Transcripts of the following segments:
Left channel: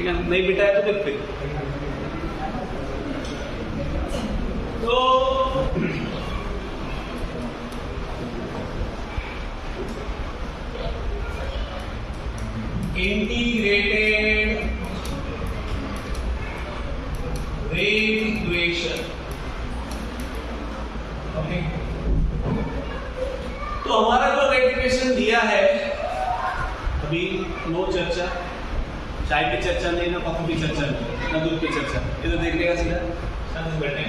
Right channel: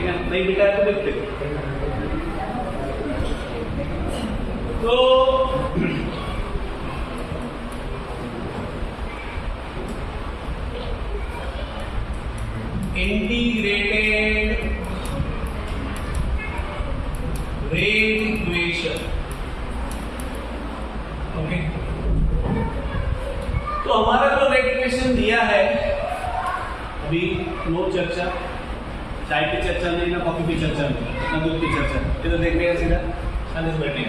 ठीक है, नहीं बेटा है तो देखते। तो इंटीग्रेटेड रेट इक्वेशन, ओके। तो हमारा जो रेट इक्वेशन दिया है, अभी नो चर्चा, चाय की चर्चा नहीं, ना कॉफी की चर्चा नहीं, ना दूध की चर्चा, ये तो देख लेगा सीधा शांति से बैठे।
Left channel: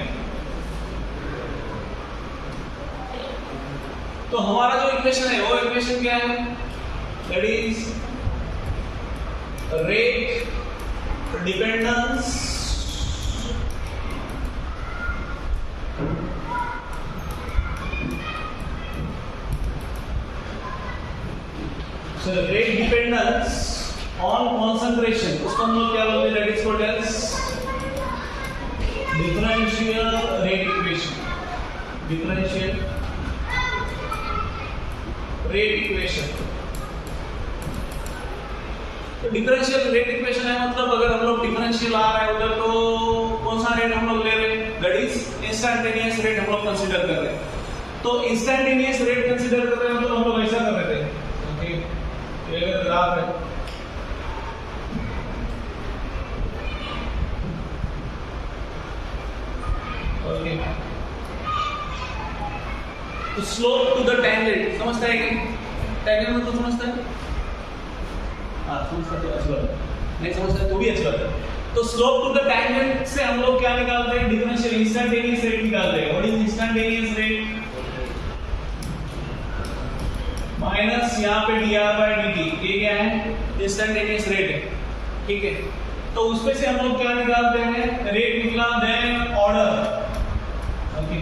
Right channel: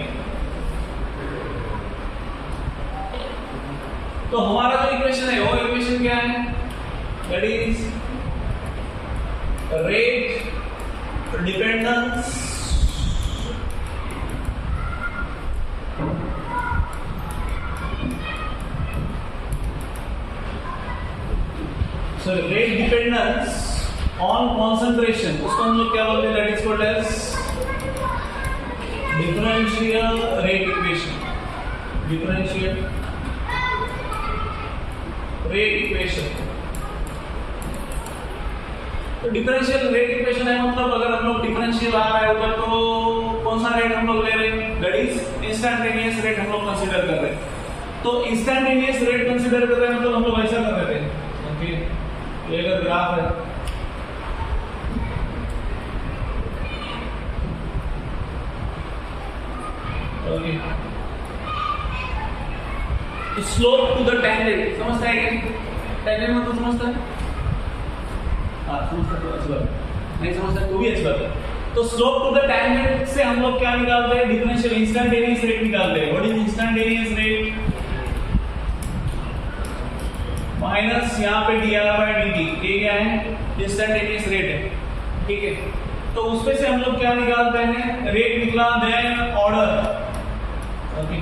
तो हमारा जो इक्वेशन है वो इक्वेशन क्या है? That is rate dependence rate dependence on concentration, उसको हम लोग क्या बोलते हैं? That is called as differential rate equation, differential rate equation. तो डिफरेंशियल रेट इक्वेशन है मतलब अगर हम लोग डिफरेंशियल आ रहा है उधर तो कौन सा रेट हम लोग ले रहे हैं? दैट इज इंस्टैंटेनियस रेट हम लोग कंसीडर कर रहे हैं। तो इंस्टैंटेनियस रेट कंसीडर कर रहे हैं मतलब हम लोग ऐसा कर रहे थे, ओके। ये अगर ग्राफ है, ओके, तो स्लोप टू द टैंजेंट समझता है क्या? टैंजेंट मतलब समझता है? हाँ समझता तो अच्छी बात है, नहीं समझता तो भी अच्छी बात है। तो स्लोप टू द टैंजेंट से हम लोग क्या निकालते हैं? डिफरेंशियल इंस्टैंटेनियस रेट निकालते हैं। What is instantaneous rate? Minus यहाँ पे dr by dt, ये क्या है? इंस्टैंटेनियस रेट है, ठीक है। तो उसमें से हम लोग क्या निकालते हैं? रेट निकला, देन ऑर्डर, ओके।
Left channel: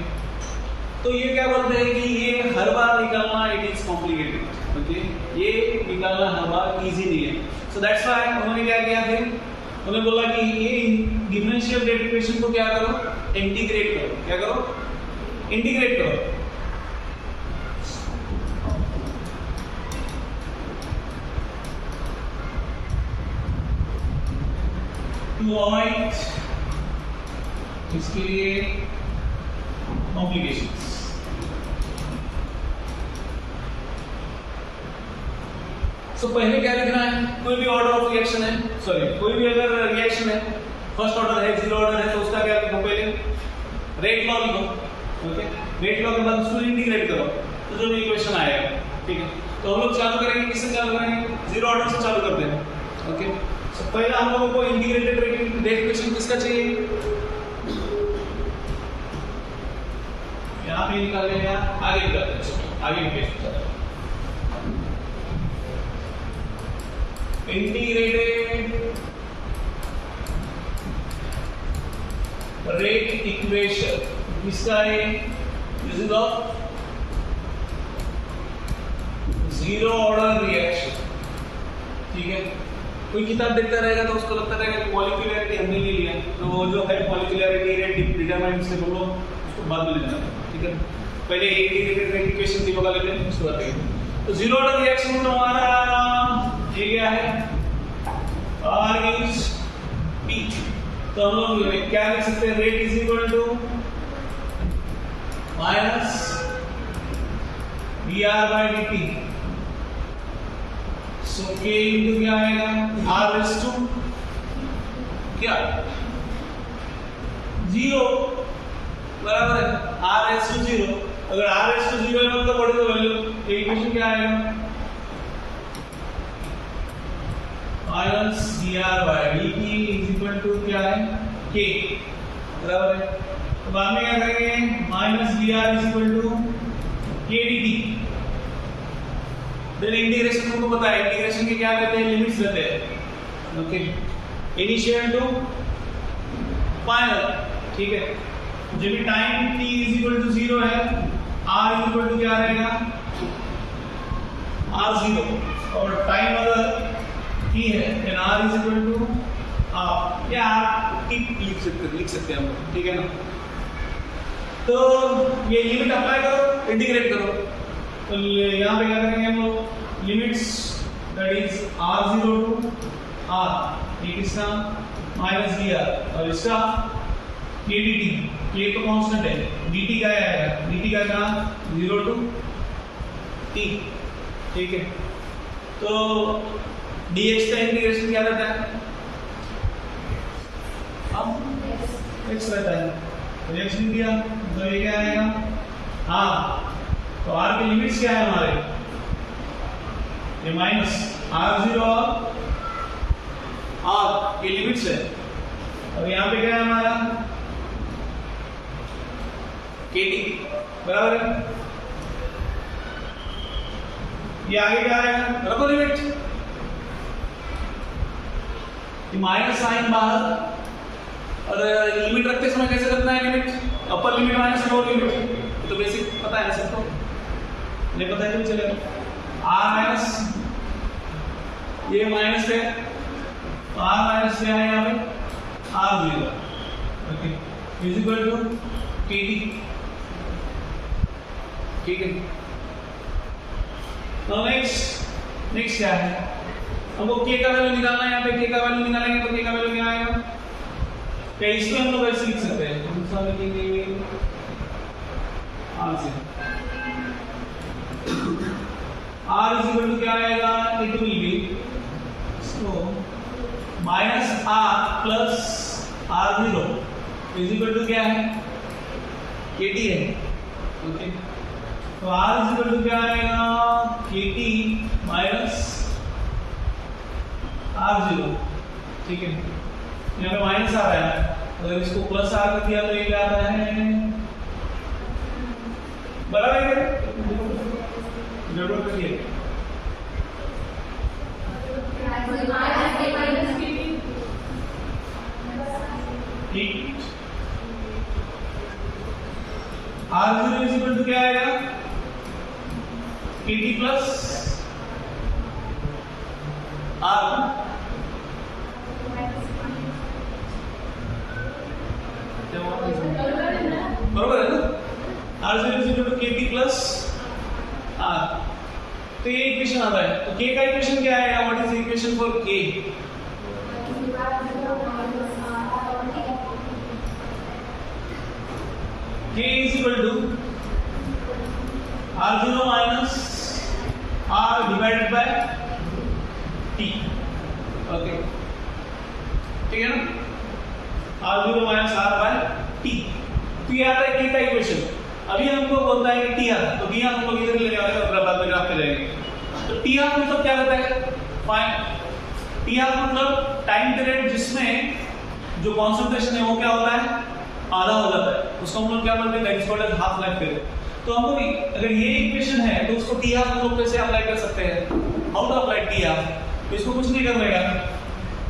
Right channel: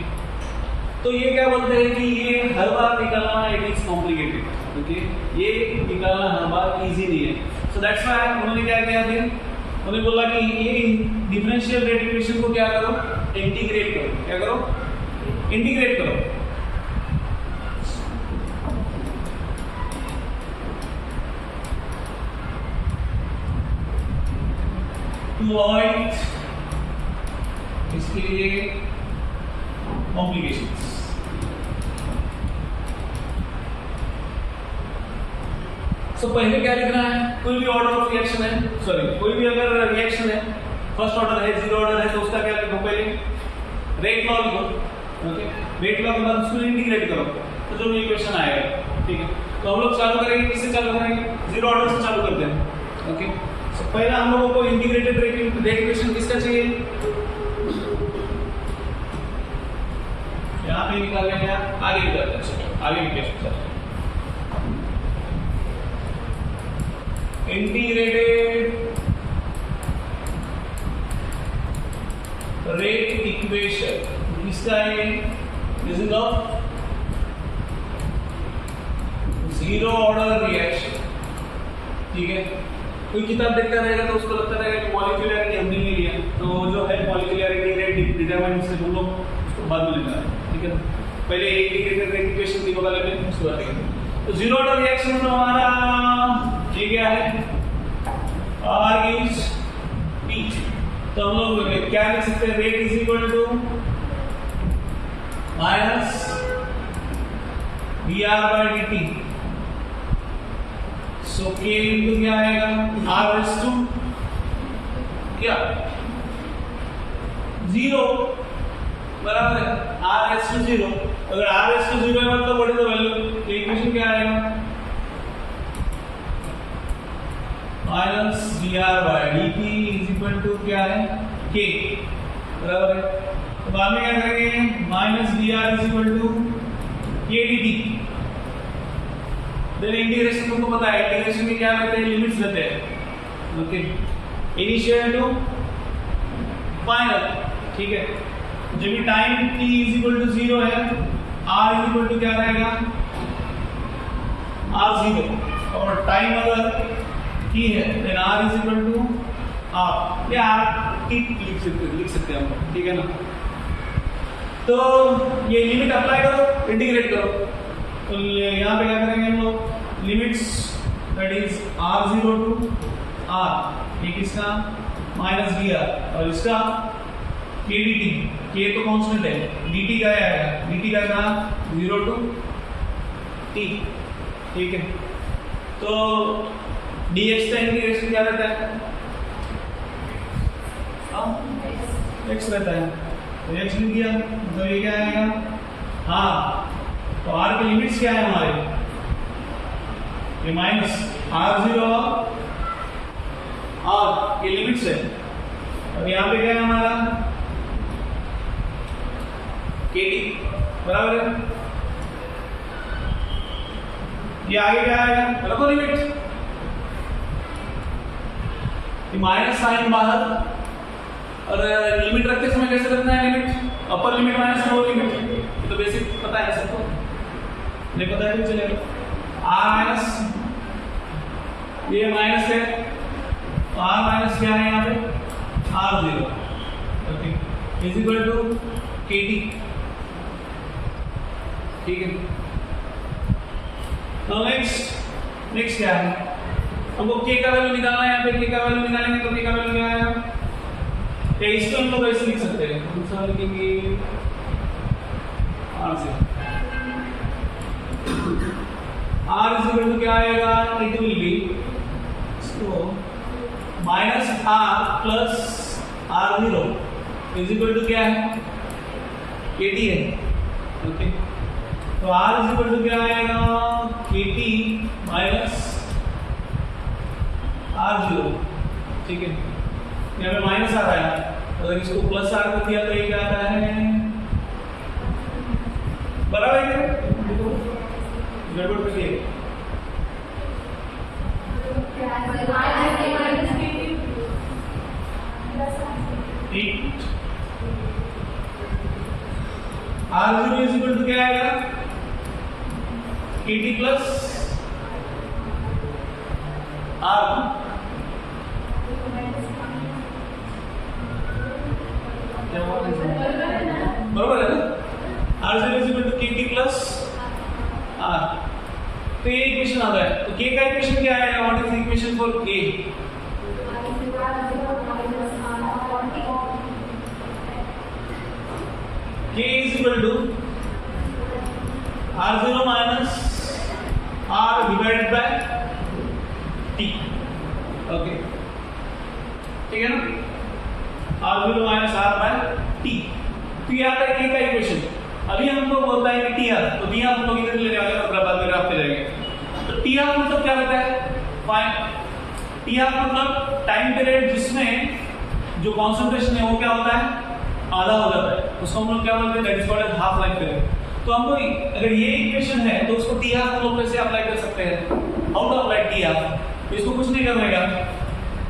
तो ये क्या बोलते हैं कि ये हर बार निकालना इट इज कॉम्प्लिकेटेड, ओके। ये निकालना हर बार इजी नहीं है। सो दैट्स व्हाई उन्होंने क्या किया फिर? उन्होंने बोला कि ये डिफरेंशियल रेट इक्वेशन को क्या करो? इंटीग्रेट करो। क्या करो? इंटीग्रेट करो। टू अवॉइड इसके लिए कॉम्प्लिकेशंस। सो पहले क्या लिखना है? कोई भी ऑर्डर ऑफ रिएक्शन है, सॉरी कोई भी अगर रिएक्शन है, फर्स्ट ऑर्डर है, जीरो ऑर्डर है, तो उसका क्या लिखो? पहले रेट लॉ लिखो, ओके। रेट लॉ के बाद उसको इंटीग्रेट करो तो जो भी इक्वेशन आएगा, ठीक है। तो हम लोग चालू करेंगे, किससे चालू करेंगे? जीरो ऑर्डर से चालू करते हैं, ओके। सो पहले हम लोगों को इंटीग्रेटेड रेट इक्वेशन किसका चाहिए? यहाँ पे निकालें या आगे निकालते हैं? आगे निकालते हैं। इंटीग्रेटेड रेट इक्वेशन किसका है? Using of zero order reaction, ठीक है। कोई किताब देखता रहेगा तो उसको लगता रहेगा कि मॉलिक्यूलैरिटी हमने नहीं लिया, तो जो है मॉलिक्यूलैरिटी रेट डिटरमाइन से हम लोग उसको बाद में लेना है, ठीक है। पहले इंटीग्रेटेड रेट इक्वेशन तीनों का लेते हैं, उसके बाद देखेंगे। तो जीरो ऑर्डर रिएक्शन तो हमारा ये क्या है? R gives P। तो हम लोग क्या लिख सकते हैं? Rate is equal to minus dr by dt। So K into क्या आएगा? R रेज़ टू क्या? जीरो, बराबर है R रेज़ टू जीरो। अगर R रेज़ टू जीरो है मतलब what is the value? Equation क्या आएगा? Minus dr by dt is equal to क्या है? K, बराबर है। तो बाद में क्या करेंगे? Minus dr is equal to K dt। Then integration तुमको पता है, इंटीग्रेशन के क्या लेते हैं? लिमिट्स लेते हैं, ओके। इनिशियल टू फाइनल, ठीक है। जब भी time t is equal to zero है, r इज इक्वल टू क्या रहेगा? r0। और टाइम अगर t है then r is equal to r, या r t लिख सकते हैं हम, ठीक है ना। तो ये लिमिट अप्लाई करो, इंटीग्रेट करो। तो यहाँ पे क्या करेंगे हम लोग? Limits that is r0 to r, ये किसका माइनस dr और इसका k dt, k तो कांस्टेंट है, dt का आएगा, dt का कहाँ 0 to t, ठीक है। तो dx का इंटीग्रेशन क्या रहता है, x रहता है, तो x लिख दिया, तो ये क्या आएगा, हाँ तो r की लिमिट्स क्या है हमारे, ये माइनस r0 और ये लिमिट्स है, और यहाँ पे क्या है हमारा kt बराबर है, ये आगे क्या आएगा, रखो लिमिट, ये माइनस साइन बाहर, और लिमिट रखते समय कैसे रखना है, limit upper limit minus lower limit, तो बेसिक पता है सबको, नहीं पता है तो चलेगा, r माइनस ये माइनस है, तो r माइनस क्या है यहाँ पे r0, okay, is equal to kt, ठीक है। तो नेक्स्ट क्या है, हमको k का वैल्यू निकालना है, यहाँ पे k का वैल्यू निकालेंगे तो k का वैल्यू क्या आएगा, तो इसको हम लोग ऐसे लिख सकते हैं, दूसरा लिखेंगे r से, r इज इक्वल टू क्या आएगा, it will be so minus r plus r0 is equal to क्या है, kt है, ओके। तो r इज इक्वल टू क्या आएगा, kt माइनस r0, ठीक है। यहाँ पे माइनस आ रहा है, अगर इसको प्लस r कर दिया तो ये क्या आता है, बराबर है क्या, गड़बड़ करिए, r0 इज इक्वल टू क्या आएगा, kt प्लस r, बराबर है ना, r0 is equal to kt plus r, तो ये इक्वेशन आता है, तो k का इक्वेशन क्या आएगा, what is the equation for k, k is equal to r0 minus r divided by t, okay, ठीक है ना, r0 minus r by t, तो ये आता है k का इक्वेशन। अभी हमको बोलता है कि टी हाफ, तो टी हाफ हम लोग इधर लेने वाले हैं और बाद में ग्राफ पे जाएंगे। तो टी हाफ मतलब क्या होता है, फाइन, टी हाफ मतलब टाइम पीरियड जिसमें जो कॉन्सेंट्रेशन है वो क्या होता है, आधा हो जाता है, उसको हम लोग क्या बोलते हैं, that is called as half life period. तो हमको अगर ये इक्वेशन है तो उसको टी हाफ हम लोग कैसे अप्लाई कर सकते हैं, how to apply T half, तो इसको कुछ नहीं करने का,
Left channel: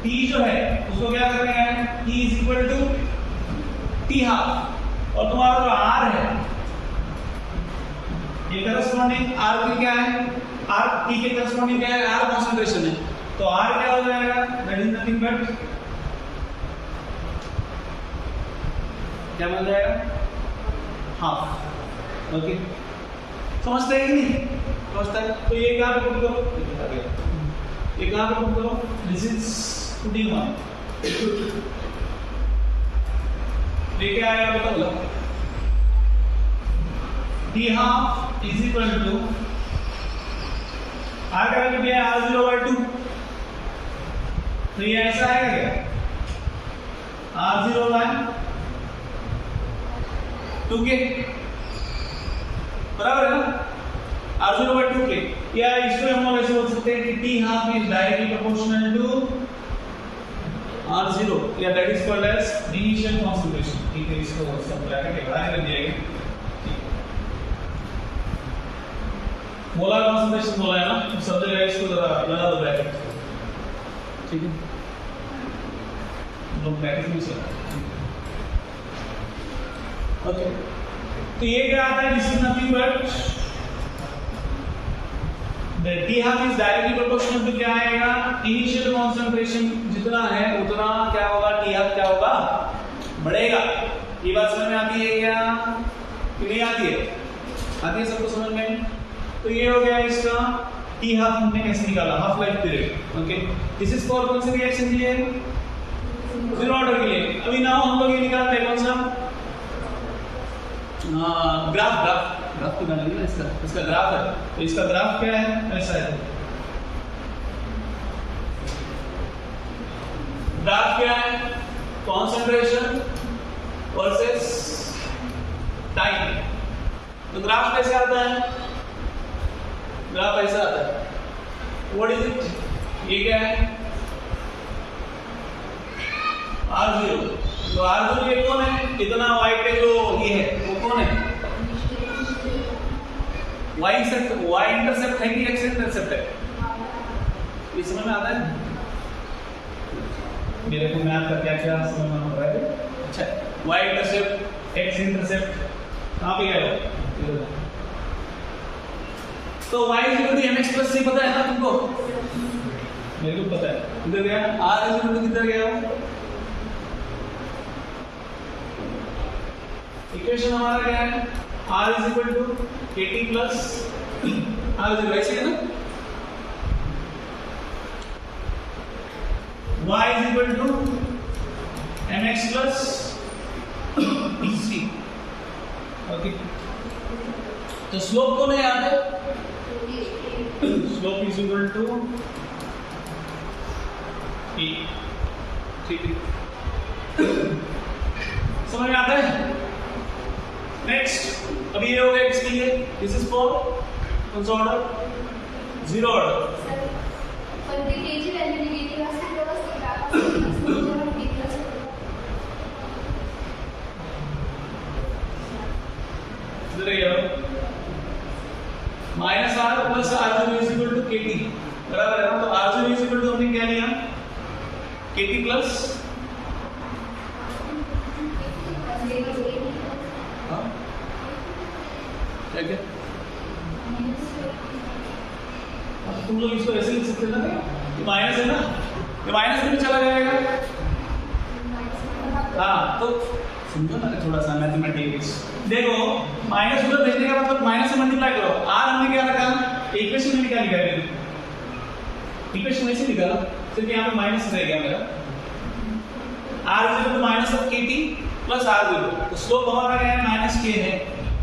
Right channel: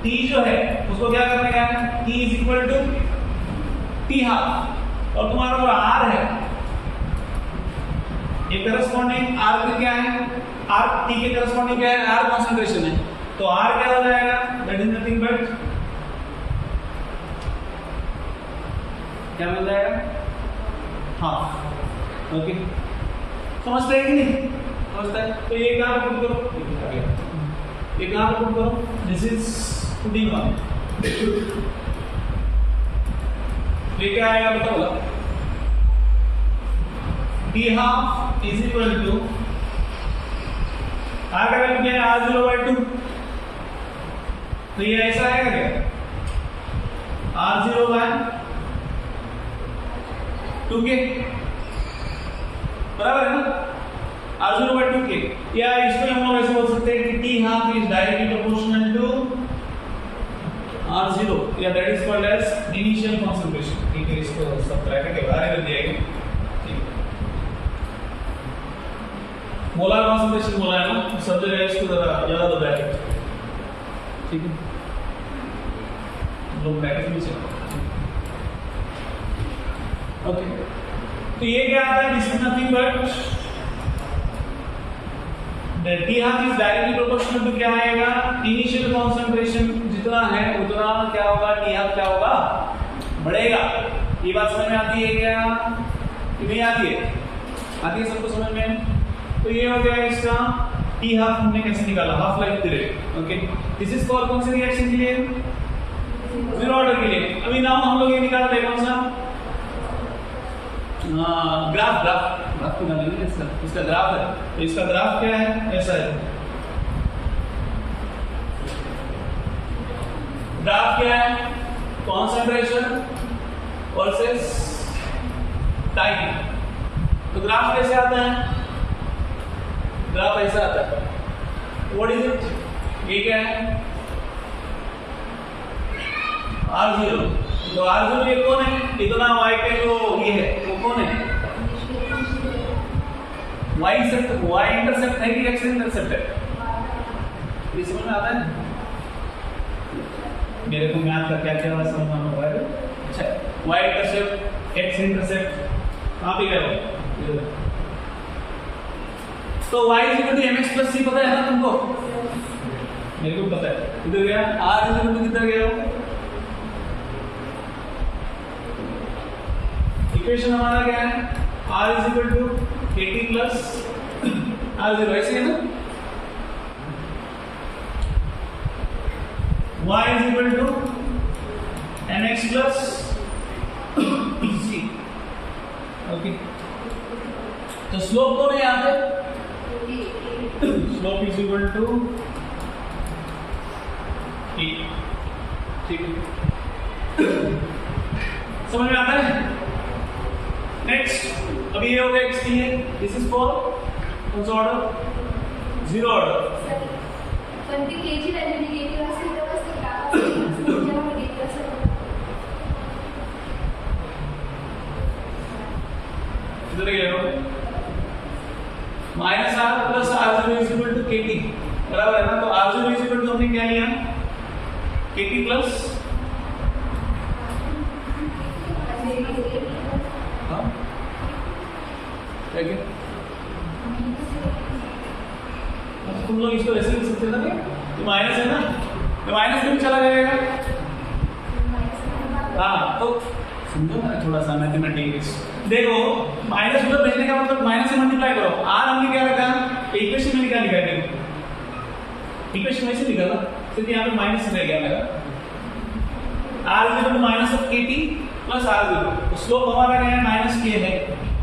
टी जो है उसको क्या करने का है, T is equal to T half, और तुम्हारा जो आर है ये करस्पॉन्डिंग आर के क्या है, आर टी के करस्पॉन्डिंग क्या है, आर कॉन्सेंट्रेशन है, तो आर क्या हो जाएगा, दैट इज नथिंग बट क्या बन जाएगा, हाफ, ओके, समझते हैं कि नहीं, समझता है। तो ये कहाँ पे पुट करो, ये कहाँ पे पुट करो, दिस इज पुटिंग वन, ये क्या आएगा बताओ, बोला T half is equal to R का वैल्यू क्या है, r0/2, तो ये ऐसा आएगा क्या, r0/2k, बराबर है ना, r0/2k, या इसमें हम लोग ऐसे बोल सकते हैं कि T half is directly proportional to r0, या that is called as initial concentration, ठीक है। इसको सब ब्रैकेट के बाहर कर दिया गया, मोलर कॉन्सेंट्रेशन बोला है ना, सब जगह इसको जरा लगा दो ब्रैकेट, ठीक है, लोग ब्रैकेट में से, ओके। तो ये क्या आता है, this is nothing but the T half is directly proportional to क्या आएगा, इनिशियल कॉन्सेंट्रेशन जितना है उतना क्या होगा, टी हाफ क्या होगा, बढ़ेगा। ये बात समझ में आती है क्या कि नहीं आती है, आती है सबको समझ में। तो ये हो गया इसका टी हाफ हमने कैसे निकाला, half life period, okay. This is for कौन से रिएक्शन के लिए? जीरो ऑर्डर के लिए। अभी नाउ हम लोग ये निकालते हैं कौन सा ग्राफ ग्राफ निकालेंगे इसका ग्राफ है। तो इसका ग्राफ क्या है? ऐसा है। ग्राफ क्या है? Concentration versus time. तो ग्राफ कैसे आता है? ग्राफ ऐसा आता है। What is it? ये क्या है? R0। तो R0 ये कौन है? इतना वाइट पे जो ये है वो कौन है? y इंटरसेप्ट है कि x इंटरसेप्ट है? ये समझ में आता है? मेरे को मैथ का क्या क्या समझ में आ रहा है? अच्छा, y इंटरसेप्ट x इंटरसेप्ट कहाँ पे गया वो? तो y mx + c पता है ना तुमको? मेरे को पता है। किधर गया? r किधर गया वो? इक्वेशन हमारा क्या है? r kt plus r0 ऐसे ना? y mx plus c। Okay, तो स्लोप कौन है यहाँ पे? Slope is equal to e। ठीक है, समझ में आता है? नेक्स्ट, अभी ये हो गया x के लिए। दिस इज फॉर कौन सा ऑर्डर? Zero order. पण ती केजी व्हॅल्यू निगेटिव्ह असेल तेव्हाच ते ग्राफ असेल, जेव्हा निगेटिव्ह असेल इधर गया minus R plus r0 is equal to kt, बराबर है ना? तो r0 इज इक्वल टू हमने क्या लिया? kt प्लस क्या? अब तुम लोग इसको ऐसे लिख सकते हो ना? ये माइनस है ना, ये माइनस में भी चला जाएगा। हाँ, तो समझो ना थोड़ा सा मैथमेटिक्स। देखो, माइनस उधर भेजने का मतलब माइनस से मल्टीप्लाई करो। आर हमने क्या रखा? इक्वेशन में क्या लिखा है? देखो, इक्वेशन में से निकाला, सिर्फ यहाँ पे माइनस रह गया मेरा। r is equal to minus of kt plus r0। तो स्लोप हमारा क्या है? माइनस k है।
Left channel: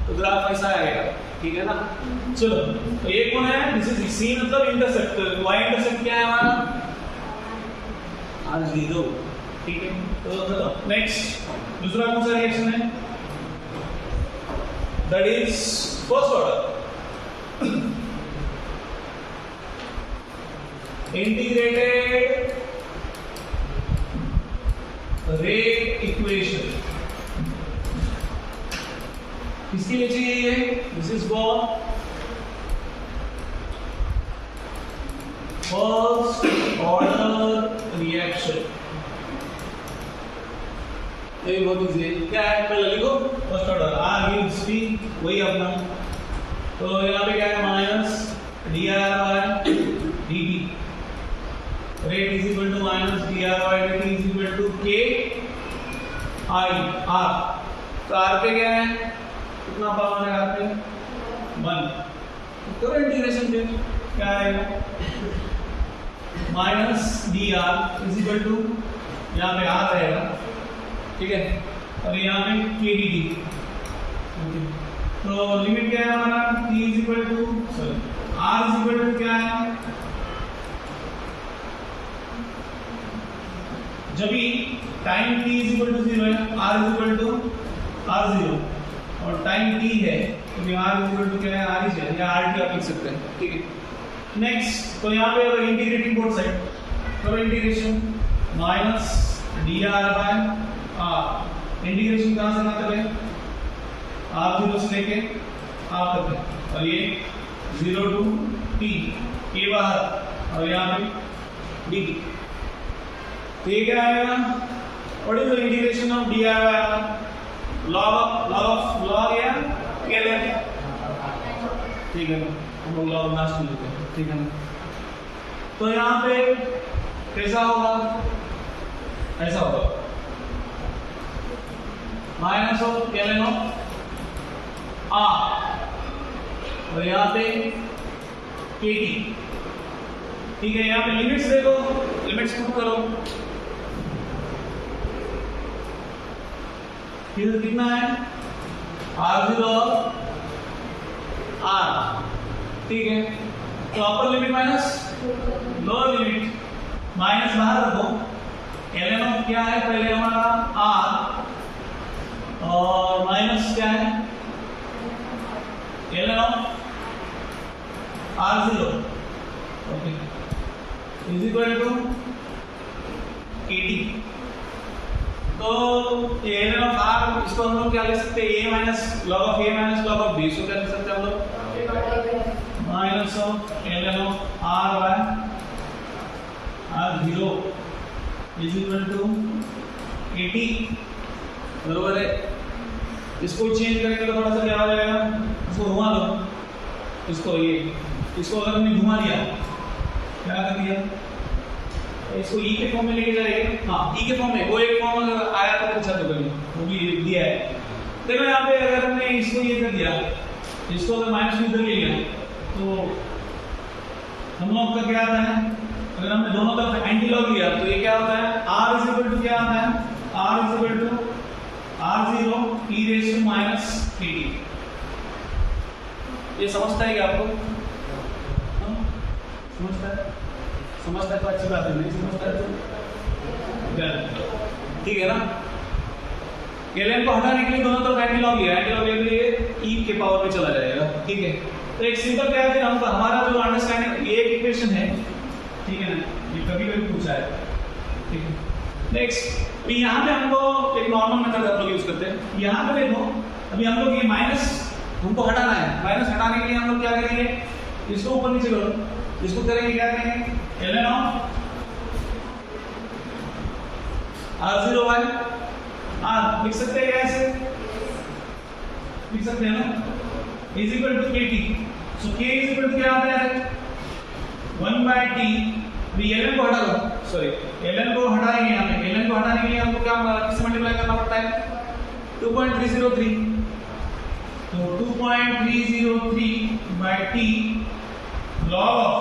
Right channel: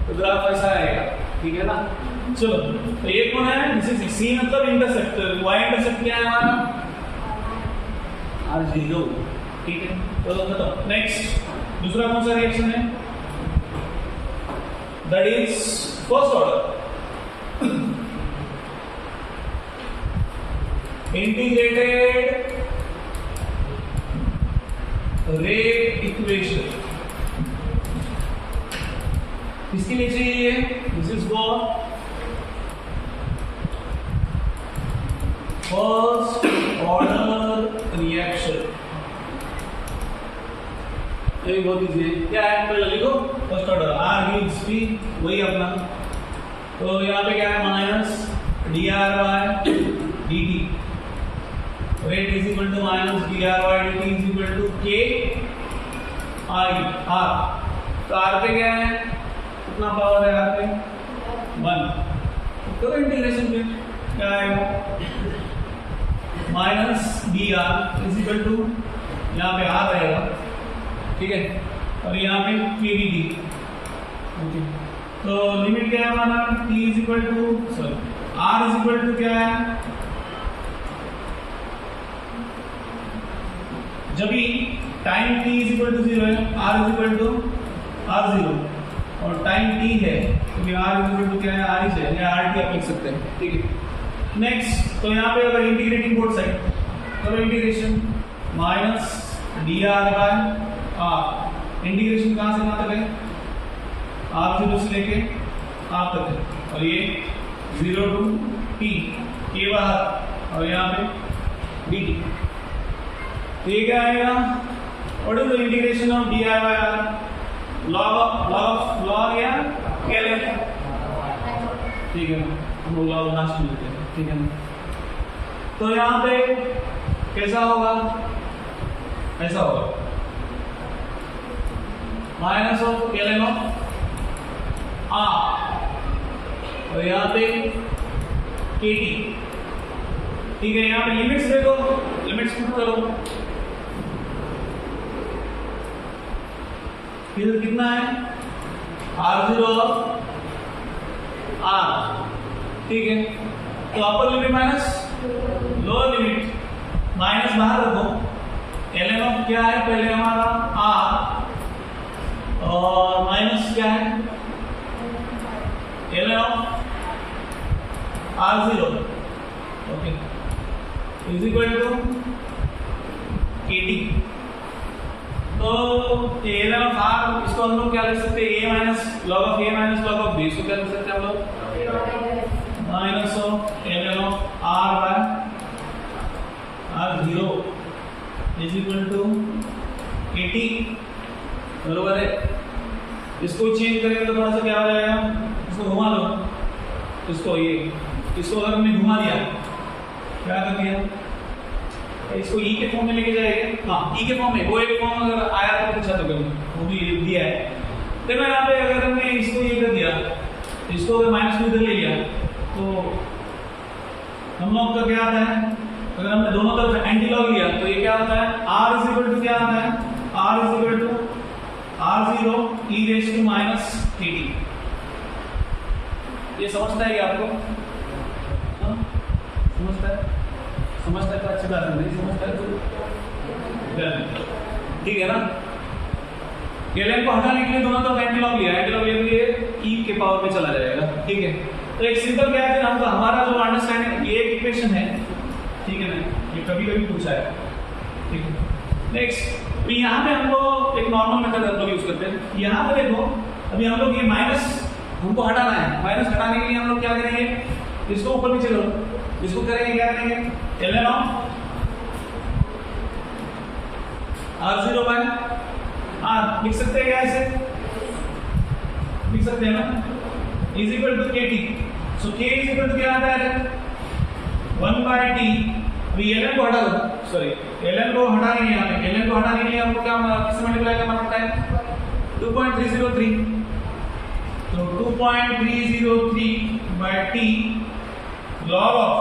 तो ग्राफ ऐसा आएगा, ठीक है ना? चलो, तो ये कौन है? दिस इज c मतलब इंटरसेप्ट। y इंटरसेप्ट क्या है हमारा? r0। ठीक है, तो चलो नेक्स्ट दूसरा कौन सा रिएक्शन है? That is first order integrated rate equation. किसके लिए चाहिए? This is for first order reaction. ये बहुत इजी है। क्या है? पहले लिखो first order. r gives p, वही अपना। तो यहाँ पे क्या है? Minus dr/dt rate is equal to minus dr/dt is equal to k i r। तो r पे क्या है? कितना पावर है r पे? 1। करो इंटीग्रेशन, फिर क्या आएगा? Minus dr is equal to, यहाँ पे r रहेगा, ठीक है, और यहाँ पे kdt। ओके, तो लिमिट क्या है हमारा? t is equal to r is equal to क्या है? जब भी time t is equal to 0 है, r is equal to r0, और टाइम t है तो r इज इक्वल टू क्या है? r ही है, या rt आप लिख सकते हैं, ठीक है। नेक्स्ट, तो यहाँ पे अगर इंटीग्रेटिंग बोथ साइड करो इंटीग्रेशन, माइनस dr/r। इंटीग्रेशन कहाँ से कहाँ तक है? r0 से लेके r तक है, और ये 0 टू t, के बाहर, और यहाँ पे dt। तो ये क्या आएगा? What is the integration of dr/r? log या ln? ठीक है ना, हम लोग log लास्ट में लेते हैं, ठीक है ना? तो यहाँ पे कैसा होगा? ऐसा होगा, minus of ln of r, और यहाँ पे kt, ठीक है। यहाँ पे लिमिट्स देखो, लिमिट्स पुट करो, फिर कितना है R0 और R, ठीक है। तो upper limit minus lower limit, minus बाहर रखो, ln ऑफ क्या है पहले हमारा R और माइनस क्या है ln of R0, okay, is equal to KT। तो ln ऑफ R इसको हम लोग क्या लिख सकते हैं, a minus log of a minus log of b, इसको क्या लिख सकते हैं हम लोग, minus of ln of R by R0 is equal to KT, बरोबर है। इसको चेंज करेंगे तो थोड़ा सा क्या हो जाएगा, इसको घुमा दो, इसको अगर हमने घुमा दिया, क्या कर दिया, इसको ई के फॉर्म में लेके जाएंगे, हाँ ई के फॉर्म में, वो एक फॉर्म अगर आया तो पूछा तो कभी, वो भी दिया है। देखो यहाँ पे अगर हमने इसको ये कर दिया, इसको अगर माइनस में इधर ले लिया, तो हम लोग का क्या आता है, अगर हमने दोनों तरफ एंटी लॉग लिया तो ये क्या होता है, R इज इक्वल टू क्या आता है, R is equal to R0 e raise to minus KT। ये समझता है क्या आपको, समझता है तो अच्छी बात है, नहीं समझता है तो ठीक है ना। ln को हटाने के लिए दोनों तरफ एंटी लॉग लिया तो ये e के पावर में चला जाएगा, ठीक है। तो एक सिंपल क्या है कि हम हमारा जो अंडरस्टैंडिंग, ये एक इक्वेशन है, ठीक है ना, ये कभी पूछा है, ठीक है। नेक्स्ट तो यहाँ पे हमको एक नॉर्मल मेथड हम लोग यूज करते हैं। यहाँ पे देखो अभी हम लोग ये माइनस हमको हटाना है, माइनस हटाने के लिए हम लोग क्या करेंगे, इसको ऊपर नीचे करो, इसको करेंगे क्या करेंगे, ln of R0 by R लिख सकते हैं क्या, ऐसे लिख सकते हैं ना, is equal to KT। So K is equal to क्या आता है 1 बाय T। अभी ln को हटा दो, सॉरी ln को हटाएंगे, यहाँ पे ln को हटाने के लिए हमको क्या किससे मल्टीप्लाई करना पड़ता है, 2.303, तो 2.303 by T log of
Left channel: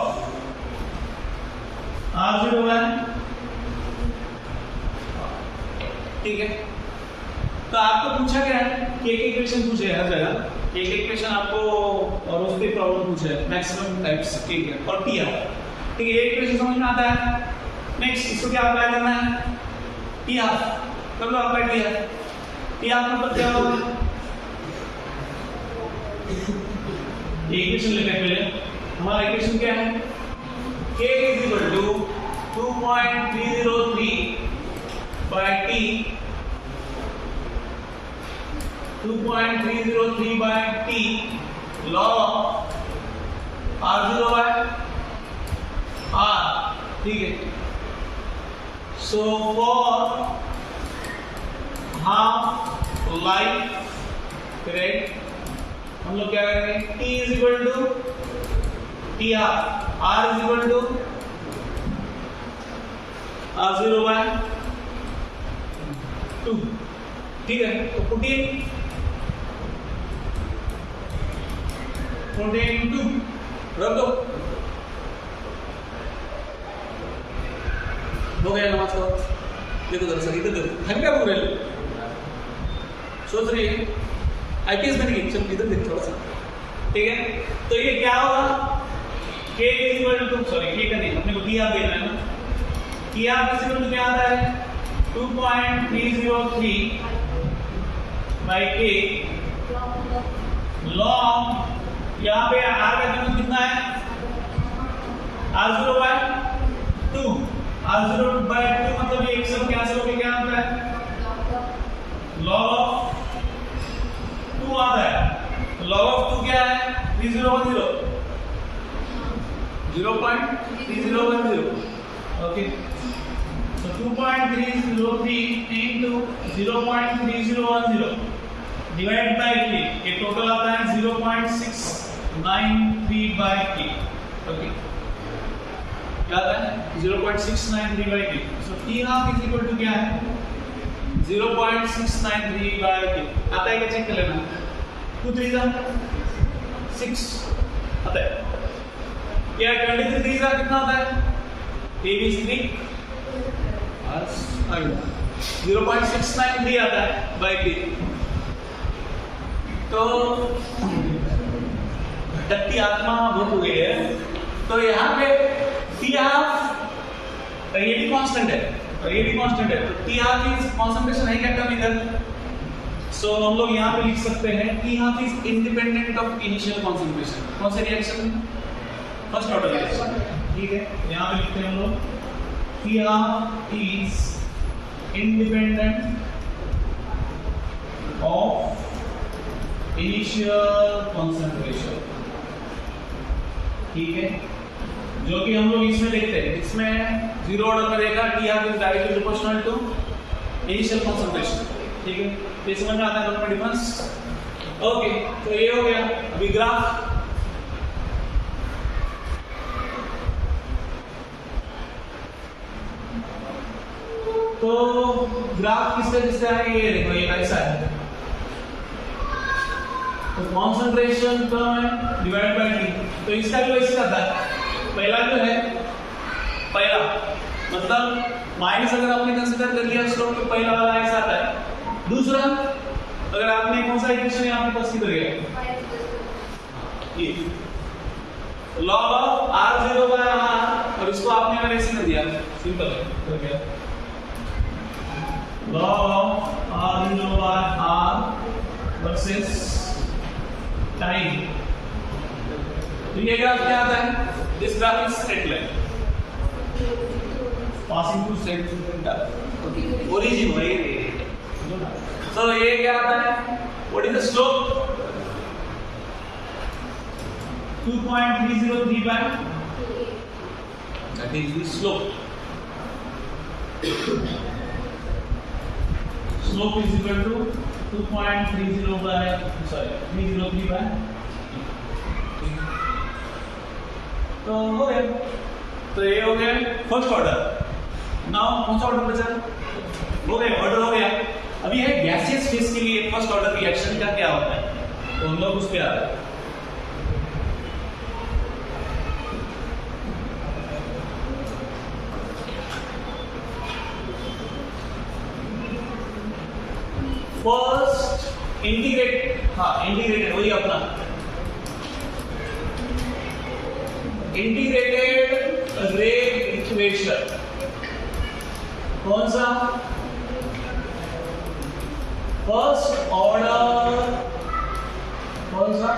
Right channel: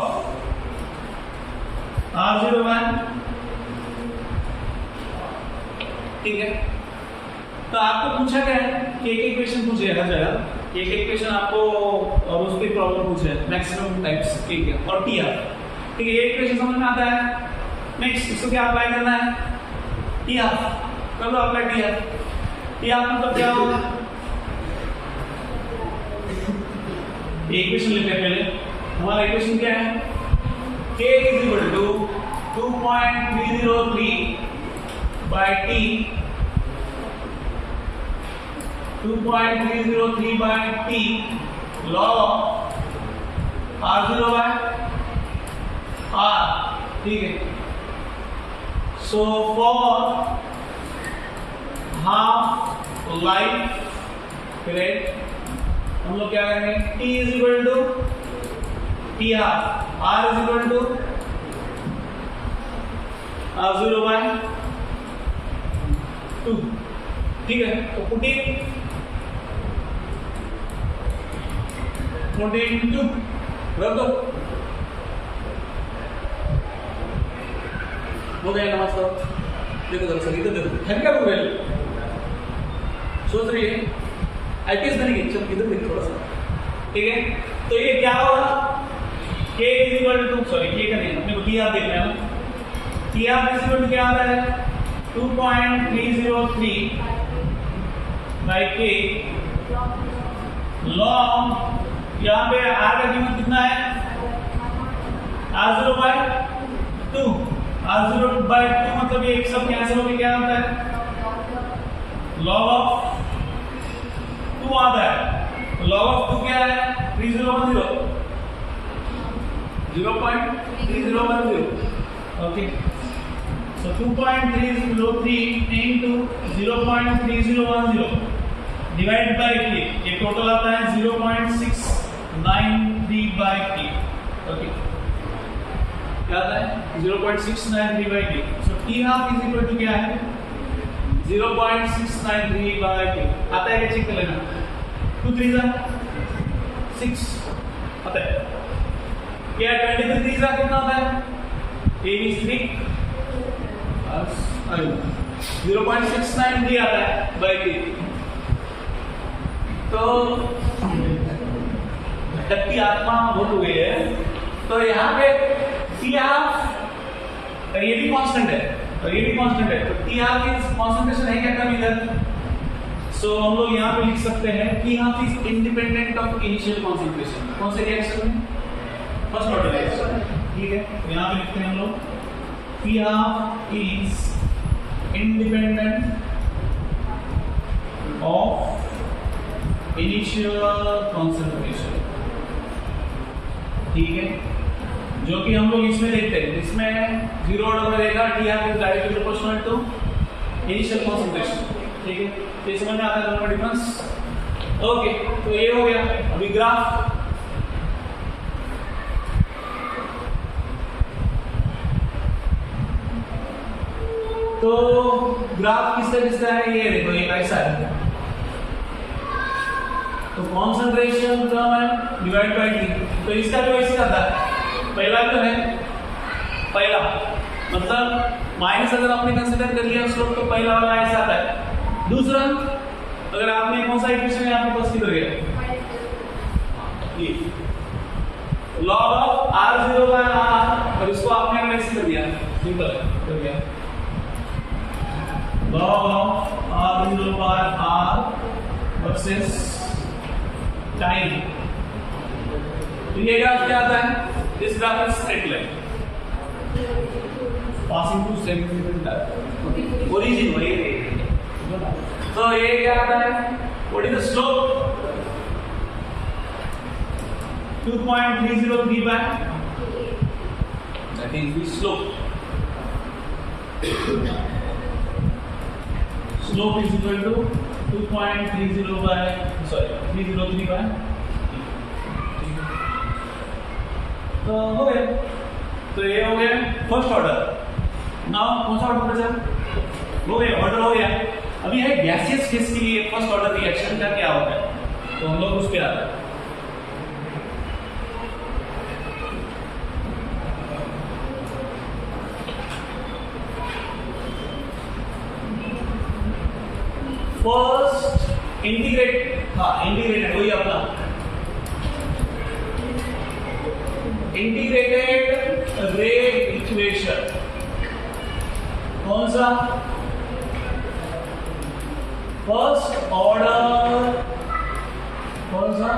R0 by, ठीक है। तो आपको पूछा क्या है कि एक इक्वेशन पूछे हर जगह, एक इक्वेशन आपको और उस पे प्रॉब्लम पूछे मैक्सिमम टाइप्स के और टी आर, ठीक है, ये इक्वेशन समझ में आता है। नेक्स्ट इसको क्या अप्लाई करना है, टी आर कर लो, apply T R. T R मतलब क्या होगा, इक्वेशन लिखने पहले हमारा इक्वेशन क्या है, k is equal to 2.303 by t, 2.303 by t log R0 by R, ठीक है। So for half life period हम लोग क्या करेंगे, t is equal to T R, R is equal to R0 by 2, ठीक है। तो पुट इन 2 रख दो, हो गया नमस्कार। देखो दरअसल इधर देखो, हल्का हो गया, सोच रही है आईपीएस बनेगी, चल इधर देख थोड़ा सा, ठीक है। तो ये क्या होगा, k is equal to, sorry k का नहीं, अपने को टी आर देखना है ना, T R is equal to क्या आता है 2.303 बाय k लॉग, यहाँ पे r का कीमत कितना है, R0 बाय 2, R0 बाय 2 मतलब ये एक सब कैंसिल होकर क्या आता है, लॉग ऑफ 2 आता है। लॉग ऑफ 2 क्या है, 3010, 0.3010, okay. So 2.303 into 0.3010 divide by k, ये टोटल आता है 0.693 बाय k, ओके, क्या आता है 0.693 by k। So t half is equal to क्या है 0.693 बाय k, आता है क्या चेक कर लेना, 2 3 6 आता है, क्या 23 3 कितना आता है 83, 0.69 भी आता है बाई P। तो घटक की आत्मा बहुत हो गई है। तो यहाँ पे T हाफ रिएटिव कांस्टेंट है, रिएटिव कांस्टेंट है, तो T हाफ की कंसंट्रेशन है क्या कम इधर। सो हम लोग यहाँ पे लिख सकते हैं T half is independent of initial concentration. कौन से रिएक्शन में? फर्स्ट ऑर्डर रिएक्शन, ठीक है। यहाँ पे लिखते हैं हम लोग T half is independent of initial concentration, ठीक है। जो कि हम लोग इसमें देखते हैं, इसमें जीरो ऑर्डर में रहेगा T half is directly proportional to initial concentration, ठीक है। तो समझ में आता है दोनों का डिफरेंस। ओके, तो ये हो गया। अभी ग्राफ, तो ग्राफ किसका है? ये देखो, ये ऐसा है। तो कॉन्सेंट्रेशन टर्म है डिवाइड बाय T। तो इसका जो ऐसे आता है, पहला जो है, पहला मतलब माइनस अगर आपने कंसीडर कर लिया स्लोप, तो पहला वाला ऐसा आता है। दूसरा, अगर आपने कौन सा इक्वेशन है आपके पास, किधर गया ये log of r0 by r, और इसको आपने अगर ऐसे कर दिया, सिंपल है, कर गया log of r0 by r versus time। तो ये ग्राफ क्या आता है? This graph is straight line passing to straight origin वही। तो ये क्या आता है? What is the slope? 2.303 by, that is the slope। Slope is equal to 2.30 by 303 by। तो हो गया। तो ये हो गया फर्स्ट ऑर्डर। नाउ कौन सा ऑर्डर बचा? हो गया, ऑर्डर हो गया। अभी है गैसियस फेज के लिए फर्स्ट ऑर्डर रिएक्शन का क्या होता है, तो हम लोग उस पे आते हैं। फर्स्ट इंटीग्रेट, हाँ इंटीग्रेटेड, वही अपना इंटीग्रेटेड रेट इक्वेशन। कौन सा? फर्स्ट ऑर्डर, कौन सा?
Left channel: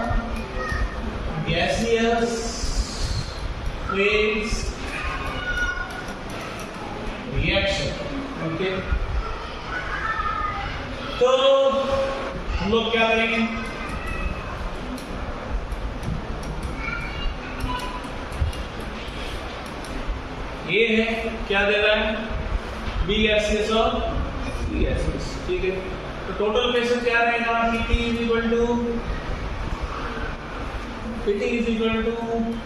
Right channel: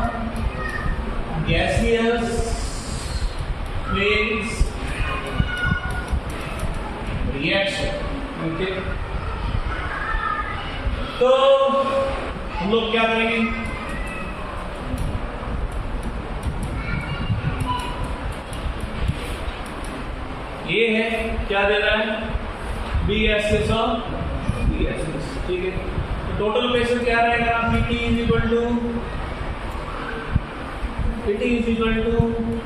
Gaseous phase reaction, okay. तो हम लोग क्या करेंगे? ये है, क्या दे रहा है? BSS और BSS, ठीक है। तो टोटल प्रेशर क्या रहेगा? PT is equal to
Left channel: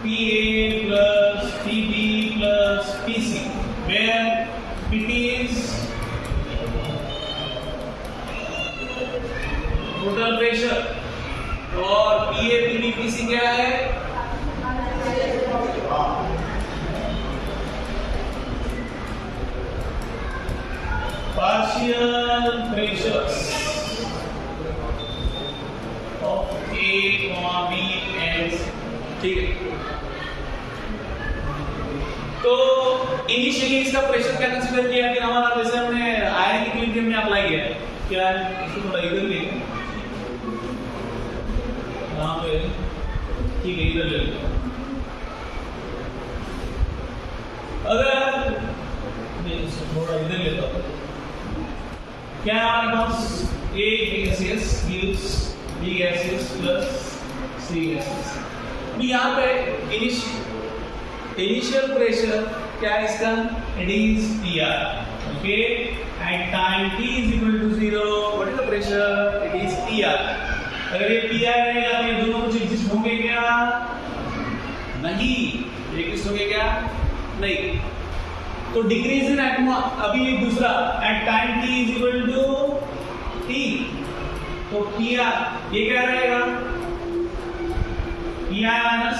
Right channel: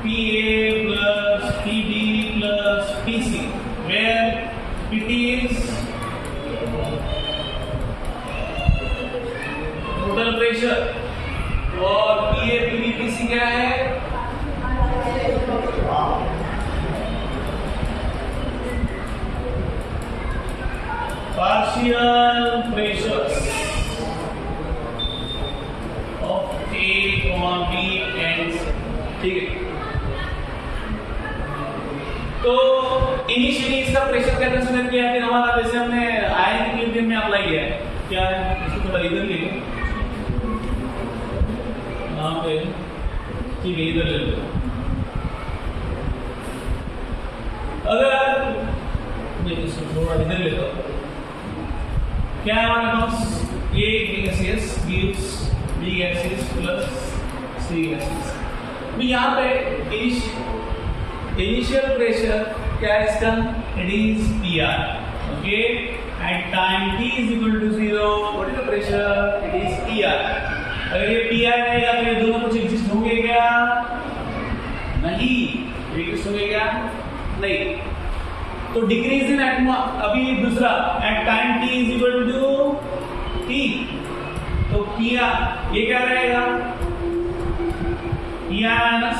PA plus PB plus PC, where PT is total pressure और PA PB PC क्या है? Partial pressures of A, B and, ठीक है। तो इनिशियली इसका प्रेशर क्या कंसीडर किया है? हमारा जैसे हमने आयन इक्विलिब्रियम में अप्लाई किया है, क्या है? इसको थोड़ा इधर ले लो, यहाँ पे, ठीक है, इधर ले लो। अगर इसको थोड़ा इधर ले लो, क्या है हमारे पास? A gaseous gives B gaseous plus C gaseous। अभी यहाँ पे इनिशियल प्रेशर क्या है इसका? It is PR, okay. At time T is equal to 0, what is the pressure? It is PR। अगर ये PR रहेगा तो ये दोनों कुछ एग्जिस्ट होंगे क्या? नहीं, एग्जिस्ट होंगे क्या? नहीं। तो डिक्रीज इन एटमो, अभी दूसरा at time T is equal to T, तो PR ये क्या रहेगा? PR minus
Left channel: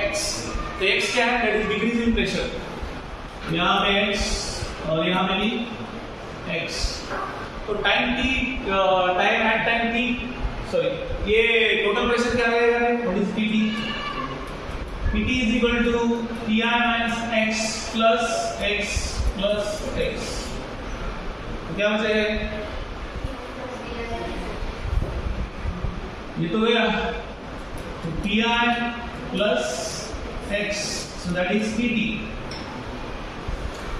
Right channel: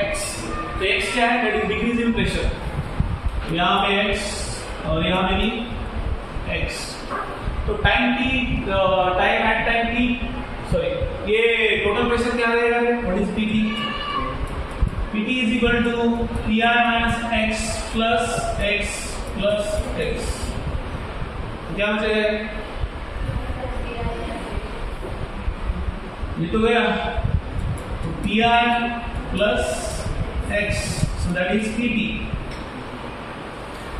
X। तो X क्या है? That is decrease in pressure. यहाँ पे X और यहाँ पे भी x। तो टाइम t सॉरी, ये टोटल प्रेशर क्या रहेगा? What is pt? pt is equal to pi minus x plus x। क्या बचेगा? ये तो गया, तो pi plus x, so that is pt.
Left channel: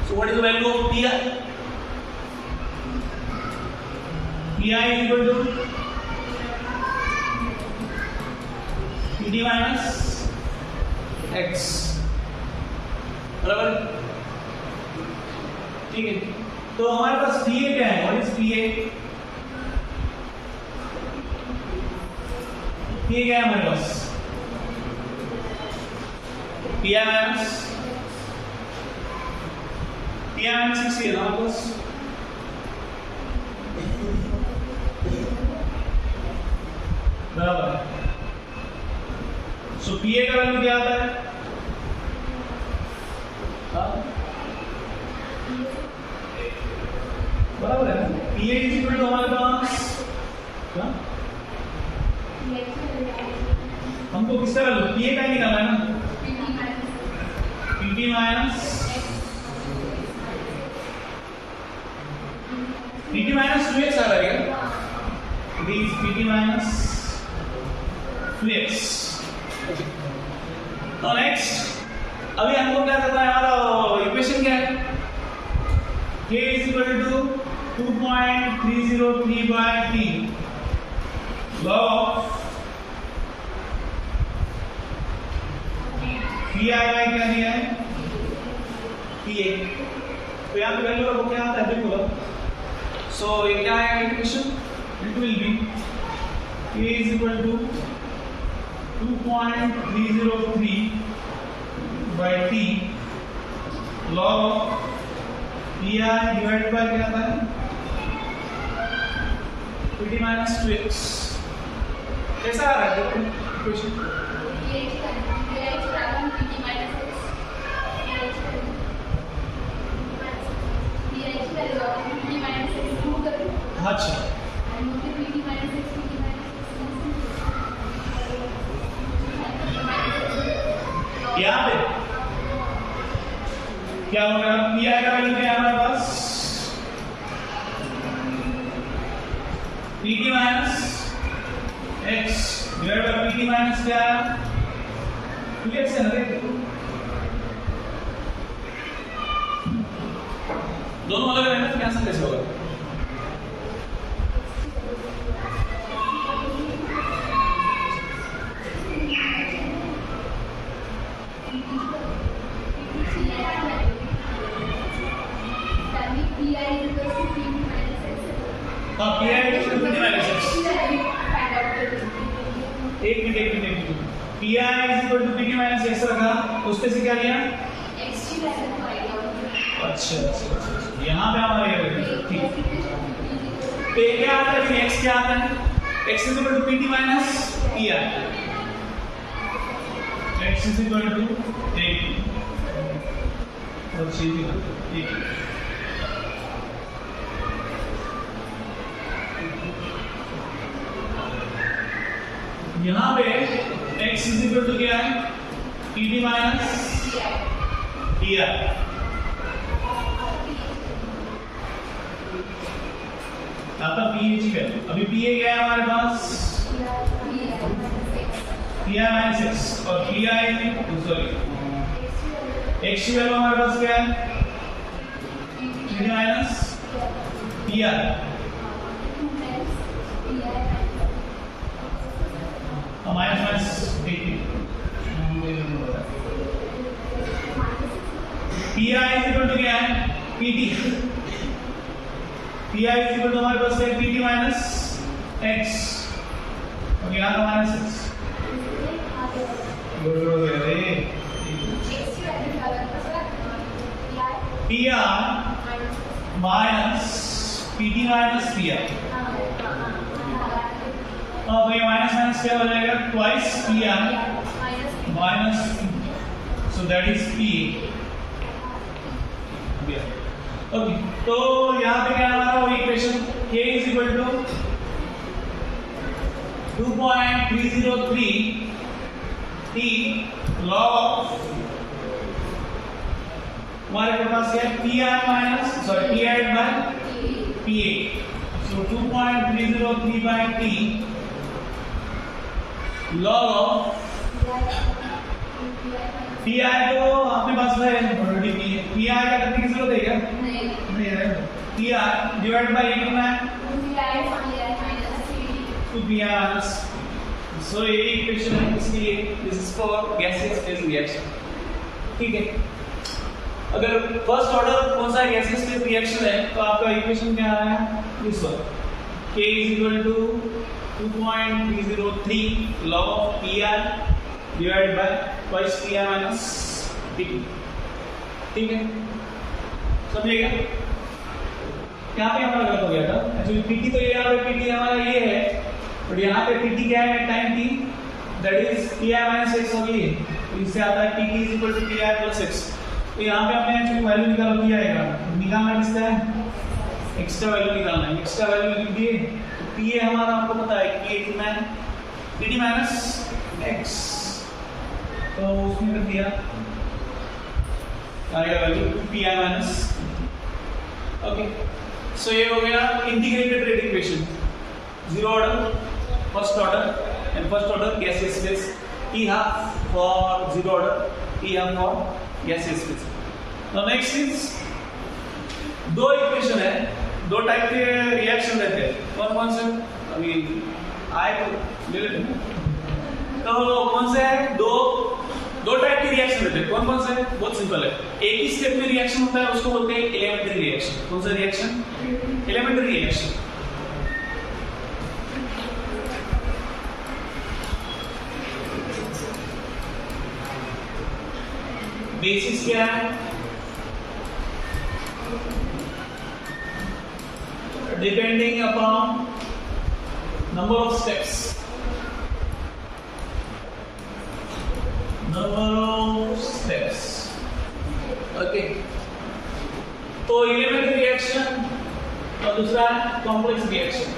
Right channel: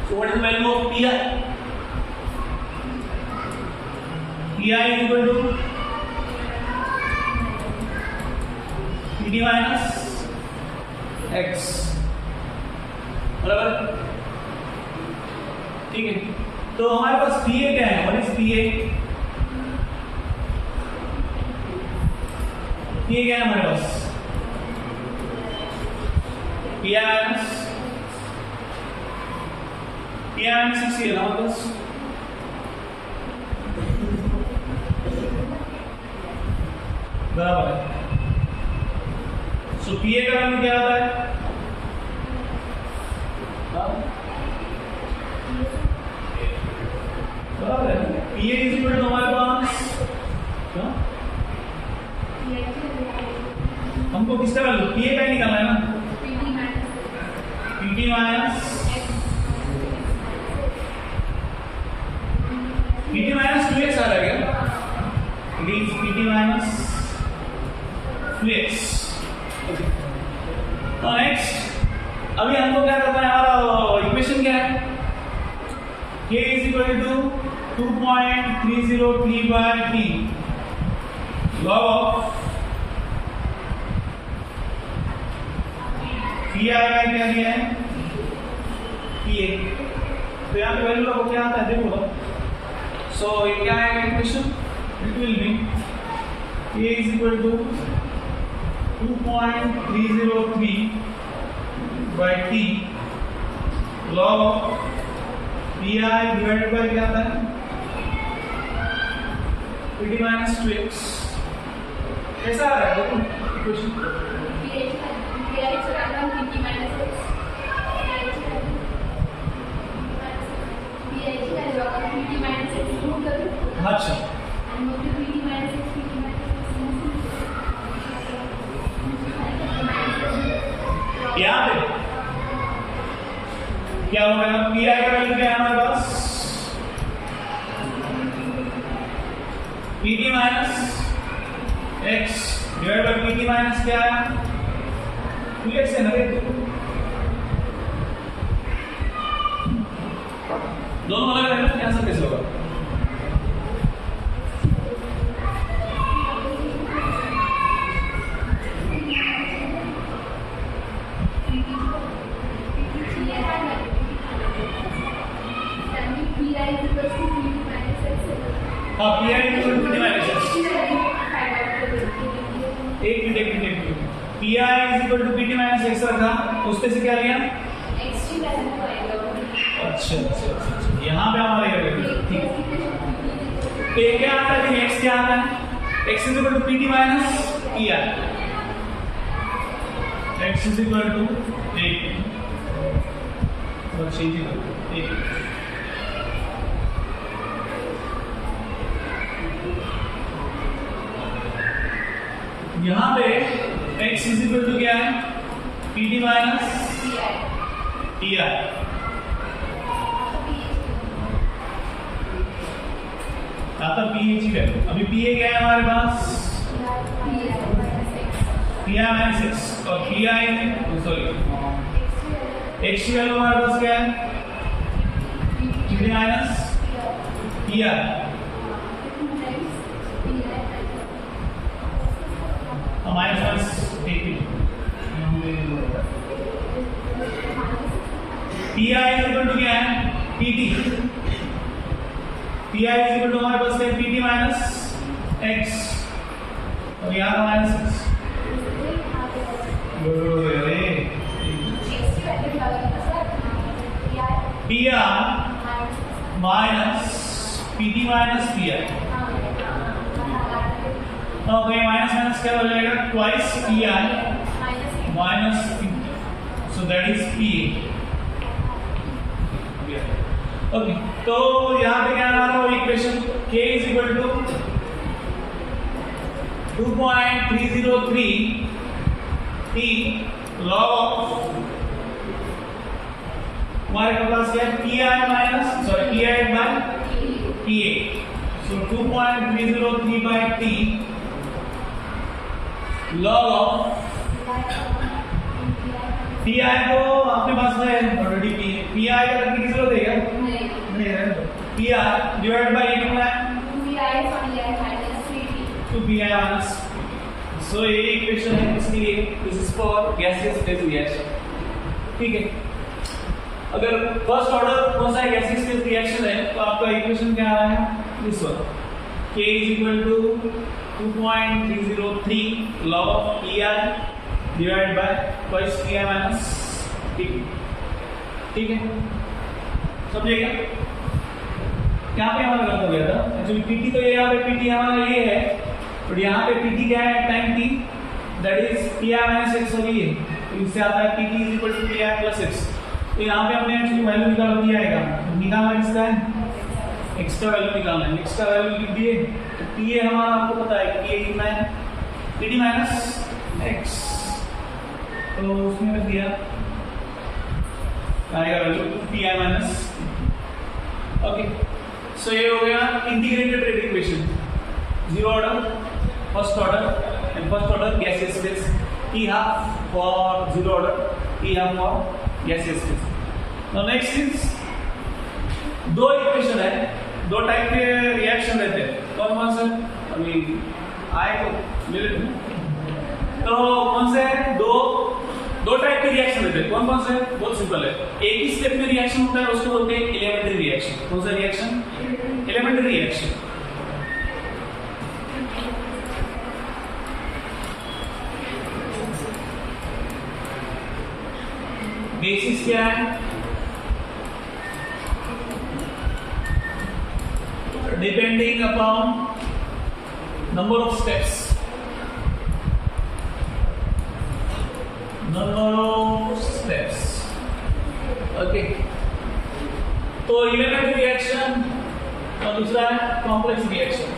So what is the value of pi? pi is equal to pt minus x, बराबर? ठीक है, तो हमारे पास pa क्या है? What is pa? pa क्या है हमारे पास? pi minus 60 है ना हमारे पास। बराबर है। सो पीए का वैल्यू क्या आता है? बराबर है। पीए इज इक्वल टू हमारे पास क्या? हमको किसका वैल्यू? पीए का ही निकालना है ना। pt minus pt minus 2x आ रहा है क्या? It is pt minus 2x। तो नेक्स्ट अभी हमको क्या करना है? हमारा इक्वेशन क्या है? k is equal to 2.303 by t log of P I का क्या दिया है? P A. तो यहाँ पे वैल्यू का क्या आता है देखो। सो ये क्या है equation? It will be k is equal to 2.303 by t log of P I divided by क्या आता है? pt minus 2x। कैसा आ रहा है देखो इक्वेशन? अच्छा, यहाँ पे क्या होगा? पी आई का वैल्यू क्या है हमारे पास? P T minus X divide by P T minus क्या है? 2x है ना? दोनों अलग अलग है, आंसर कैसे होगा? हाँ, P I equal to pt minus X. एक minute P I is equal to pt minus X रखा, उस पे से क्या लिया? x की वैल्यू आएगा। अच्छा, यहाँ पे हमारे ठीक है। तो ये क्या आता है फिर? x क्या आता है? x is equal to pt minus P I. x is equal to 8 और 6 यहाँ पे x इज इक्वल टू क्या है? pt minus P I. आता पीएच वैल्यू। अभी पीए क्या है हमारे पास? पी आई माइनस एक्स और पी आई सॉरी एक्स की वैल्यू हमारे पास क्या है? T minus P I. Minus minus P I is equal to क्या है? PT. P I is equal to हमारे पास है पीटी माइनस एक्स और यहाँ का minus X. P I minus PT minus P I. तो ये माइनस माइनस क्या हो जाएगा? Twice P I minus P, so that is P. Okay, तो यहाँ पे क्या आ रहा है equation k is equal to 2.303 t log of हमारे पास क्या है pi minus pi by pa, so 2.303 by t log of pi तो अपने पास है ऑलरेडी pi का करने की जरूरत है क्या? नहीं है। pi डिवाइड बाय कितना है 2pi माइनस, सो ये इक्वेशन है इसलिए this is for gaseous phase reaction. ठीक है, अगर फर्स्ट ऑर्डर कौन सा गैसियस फेज रिएक्शन है तो आपका इक्वेशन क्या आ रहा है this one, k is equal to 2.303 log of pi divided by twice pi minus pt। ठीक है, समझिएगा यहाँ पे हमारा गलत हो गया था एक्चुअली pt तो यहाँ पे pt हमारा ये है और यहाँ पे pt क्या है time t that is pi minus x और ये तो इससे आता है pt is equal to pi plus x। तो यहाँ पे हमने एक्चुअली वैल्यू निकाला pi आएगा, निकालना किसका है एक्स्ट्रा वैल्यू निकालना है, एक्स्ट्रा वैल्यू लिख दिए तो पीए हमारा आपको पता है कि ये कितना है टी माइनस एक्स, तो उसमें रख दिया आएगा value P I minus. Okay, so ये हो गया integrated rate equation, zero order first order and first order gaseous phase, T half for zero order, T half for gaseous phase. Now next is दो equation है, दो type के reaction रहते हैं, कौन कौन से अभी आए तो ले लेते हैं। तो कौन से है दो टाइप के रिएक्शन रहते हैं, कौन कौन से? बहुत सिंपल है, एक ही स्टेप में रिएक्शन होता है उसको बोलते हैं एलिमेंट्री रिएक्शन। कौन सा रिएक्शन? Elementary reaction. बेसिस क्या है? Depending upon number of steps, okay, तो एलिमेंट्री रिएक्शन और दूसरा है complex reaction.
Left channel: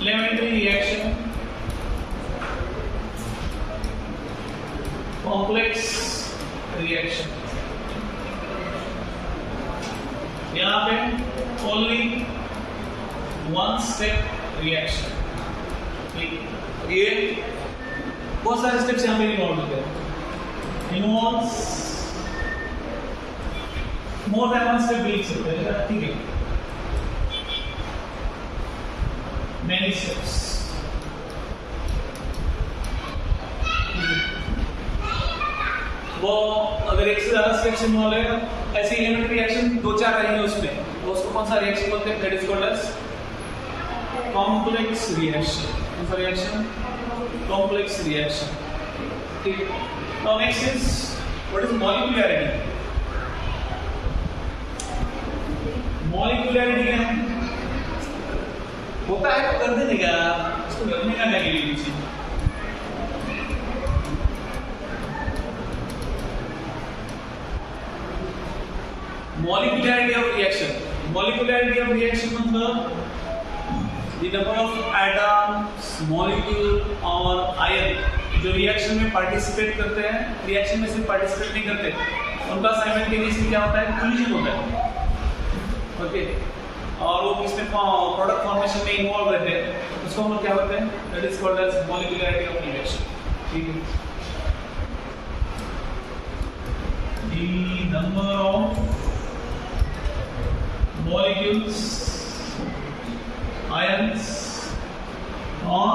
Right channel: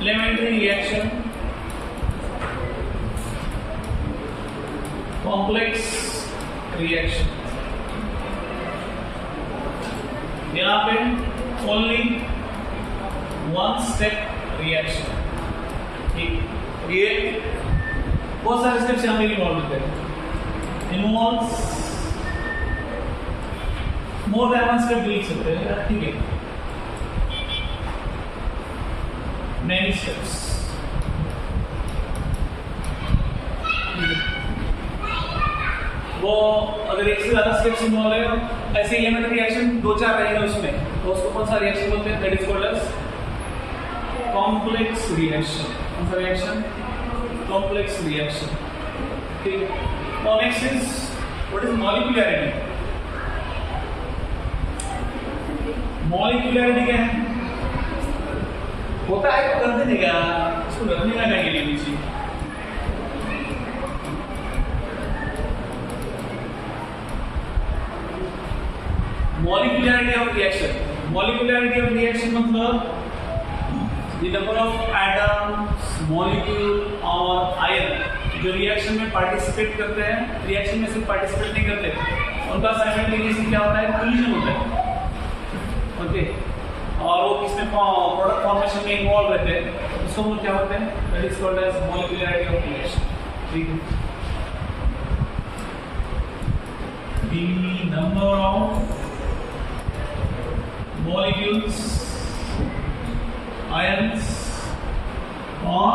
Elementary reaction, complex reaction. यहाँ पे ओनली वन स्टेप रिएक्शन। ठीक, ये बहुत सारे स्टेप्स यहाँ पे इन्वॉल्व होते हैं, involves more than one step लिख सकते हैं। ठीक है, मैनी स्टेप्स। वो अगर एक से ज्यादा स्टेप्स इन्वॉल्व है, ऐसे एलिमेंट्री रिएक्शन दो चार रहेंगे उसमें, तो उसको कौन सा रिएक्शन बोलते हैं? That is called as complex reaction. कौन सा रिएक्शन? Complex reaction. ठीक है, now next is what is molecularity. Molecularity क्या है? होता है तो कर देने का, इसको रखने का क्या के लिए पीछे। Molecularity of reaction. Molecularity of reaction मतलब the number of atoms, molecule और ion जो रिएक्शन में पार्टिसिपेट करते हैं, रिएक्शन में सिर्फ पार्टिसिपेट नहीं करते, उनका साइमल्टेनियसली क्या होता है? कोलिजन होता है। ओके, और वो किसमें प्रोडक्ट फॉर्मेशन में इन्वॉल्व रहते हैं, उसको हम क्या बोलते हैं? That is called as molecularity of reaction. ठीक है, the number of molecules, ions और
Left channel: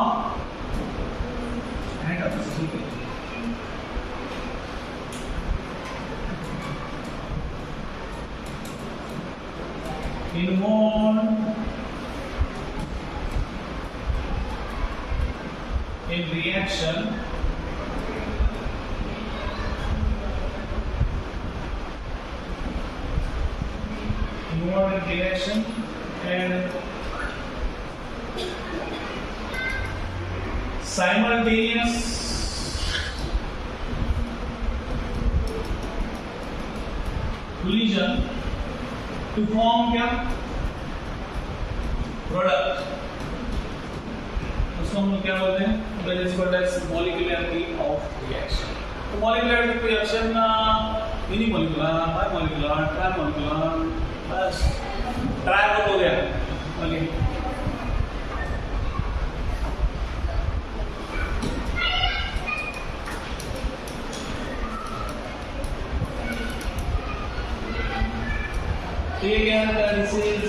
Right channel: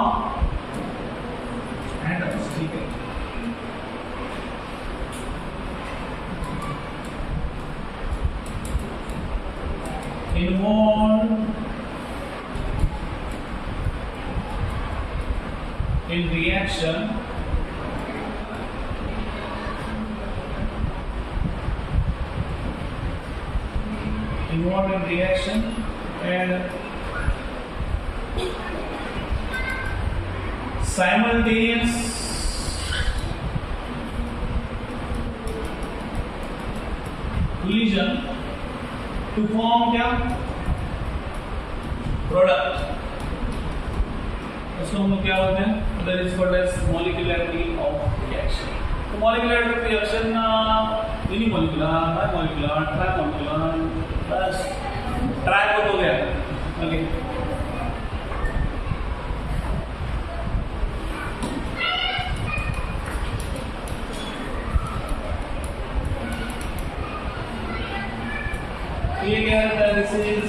atoms। ठीक है, involved in reaction and simultaneous collision to form क्या प्रोडक्ट, उसको हम लोग क्या बोलते हैं, that is called as molecularity of reaction. तो molecularity of reaction unimolecular, bimolecular, trimolecular, बस ट्राई हो गया. ओके ये क्या है, this is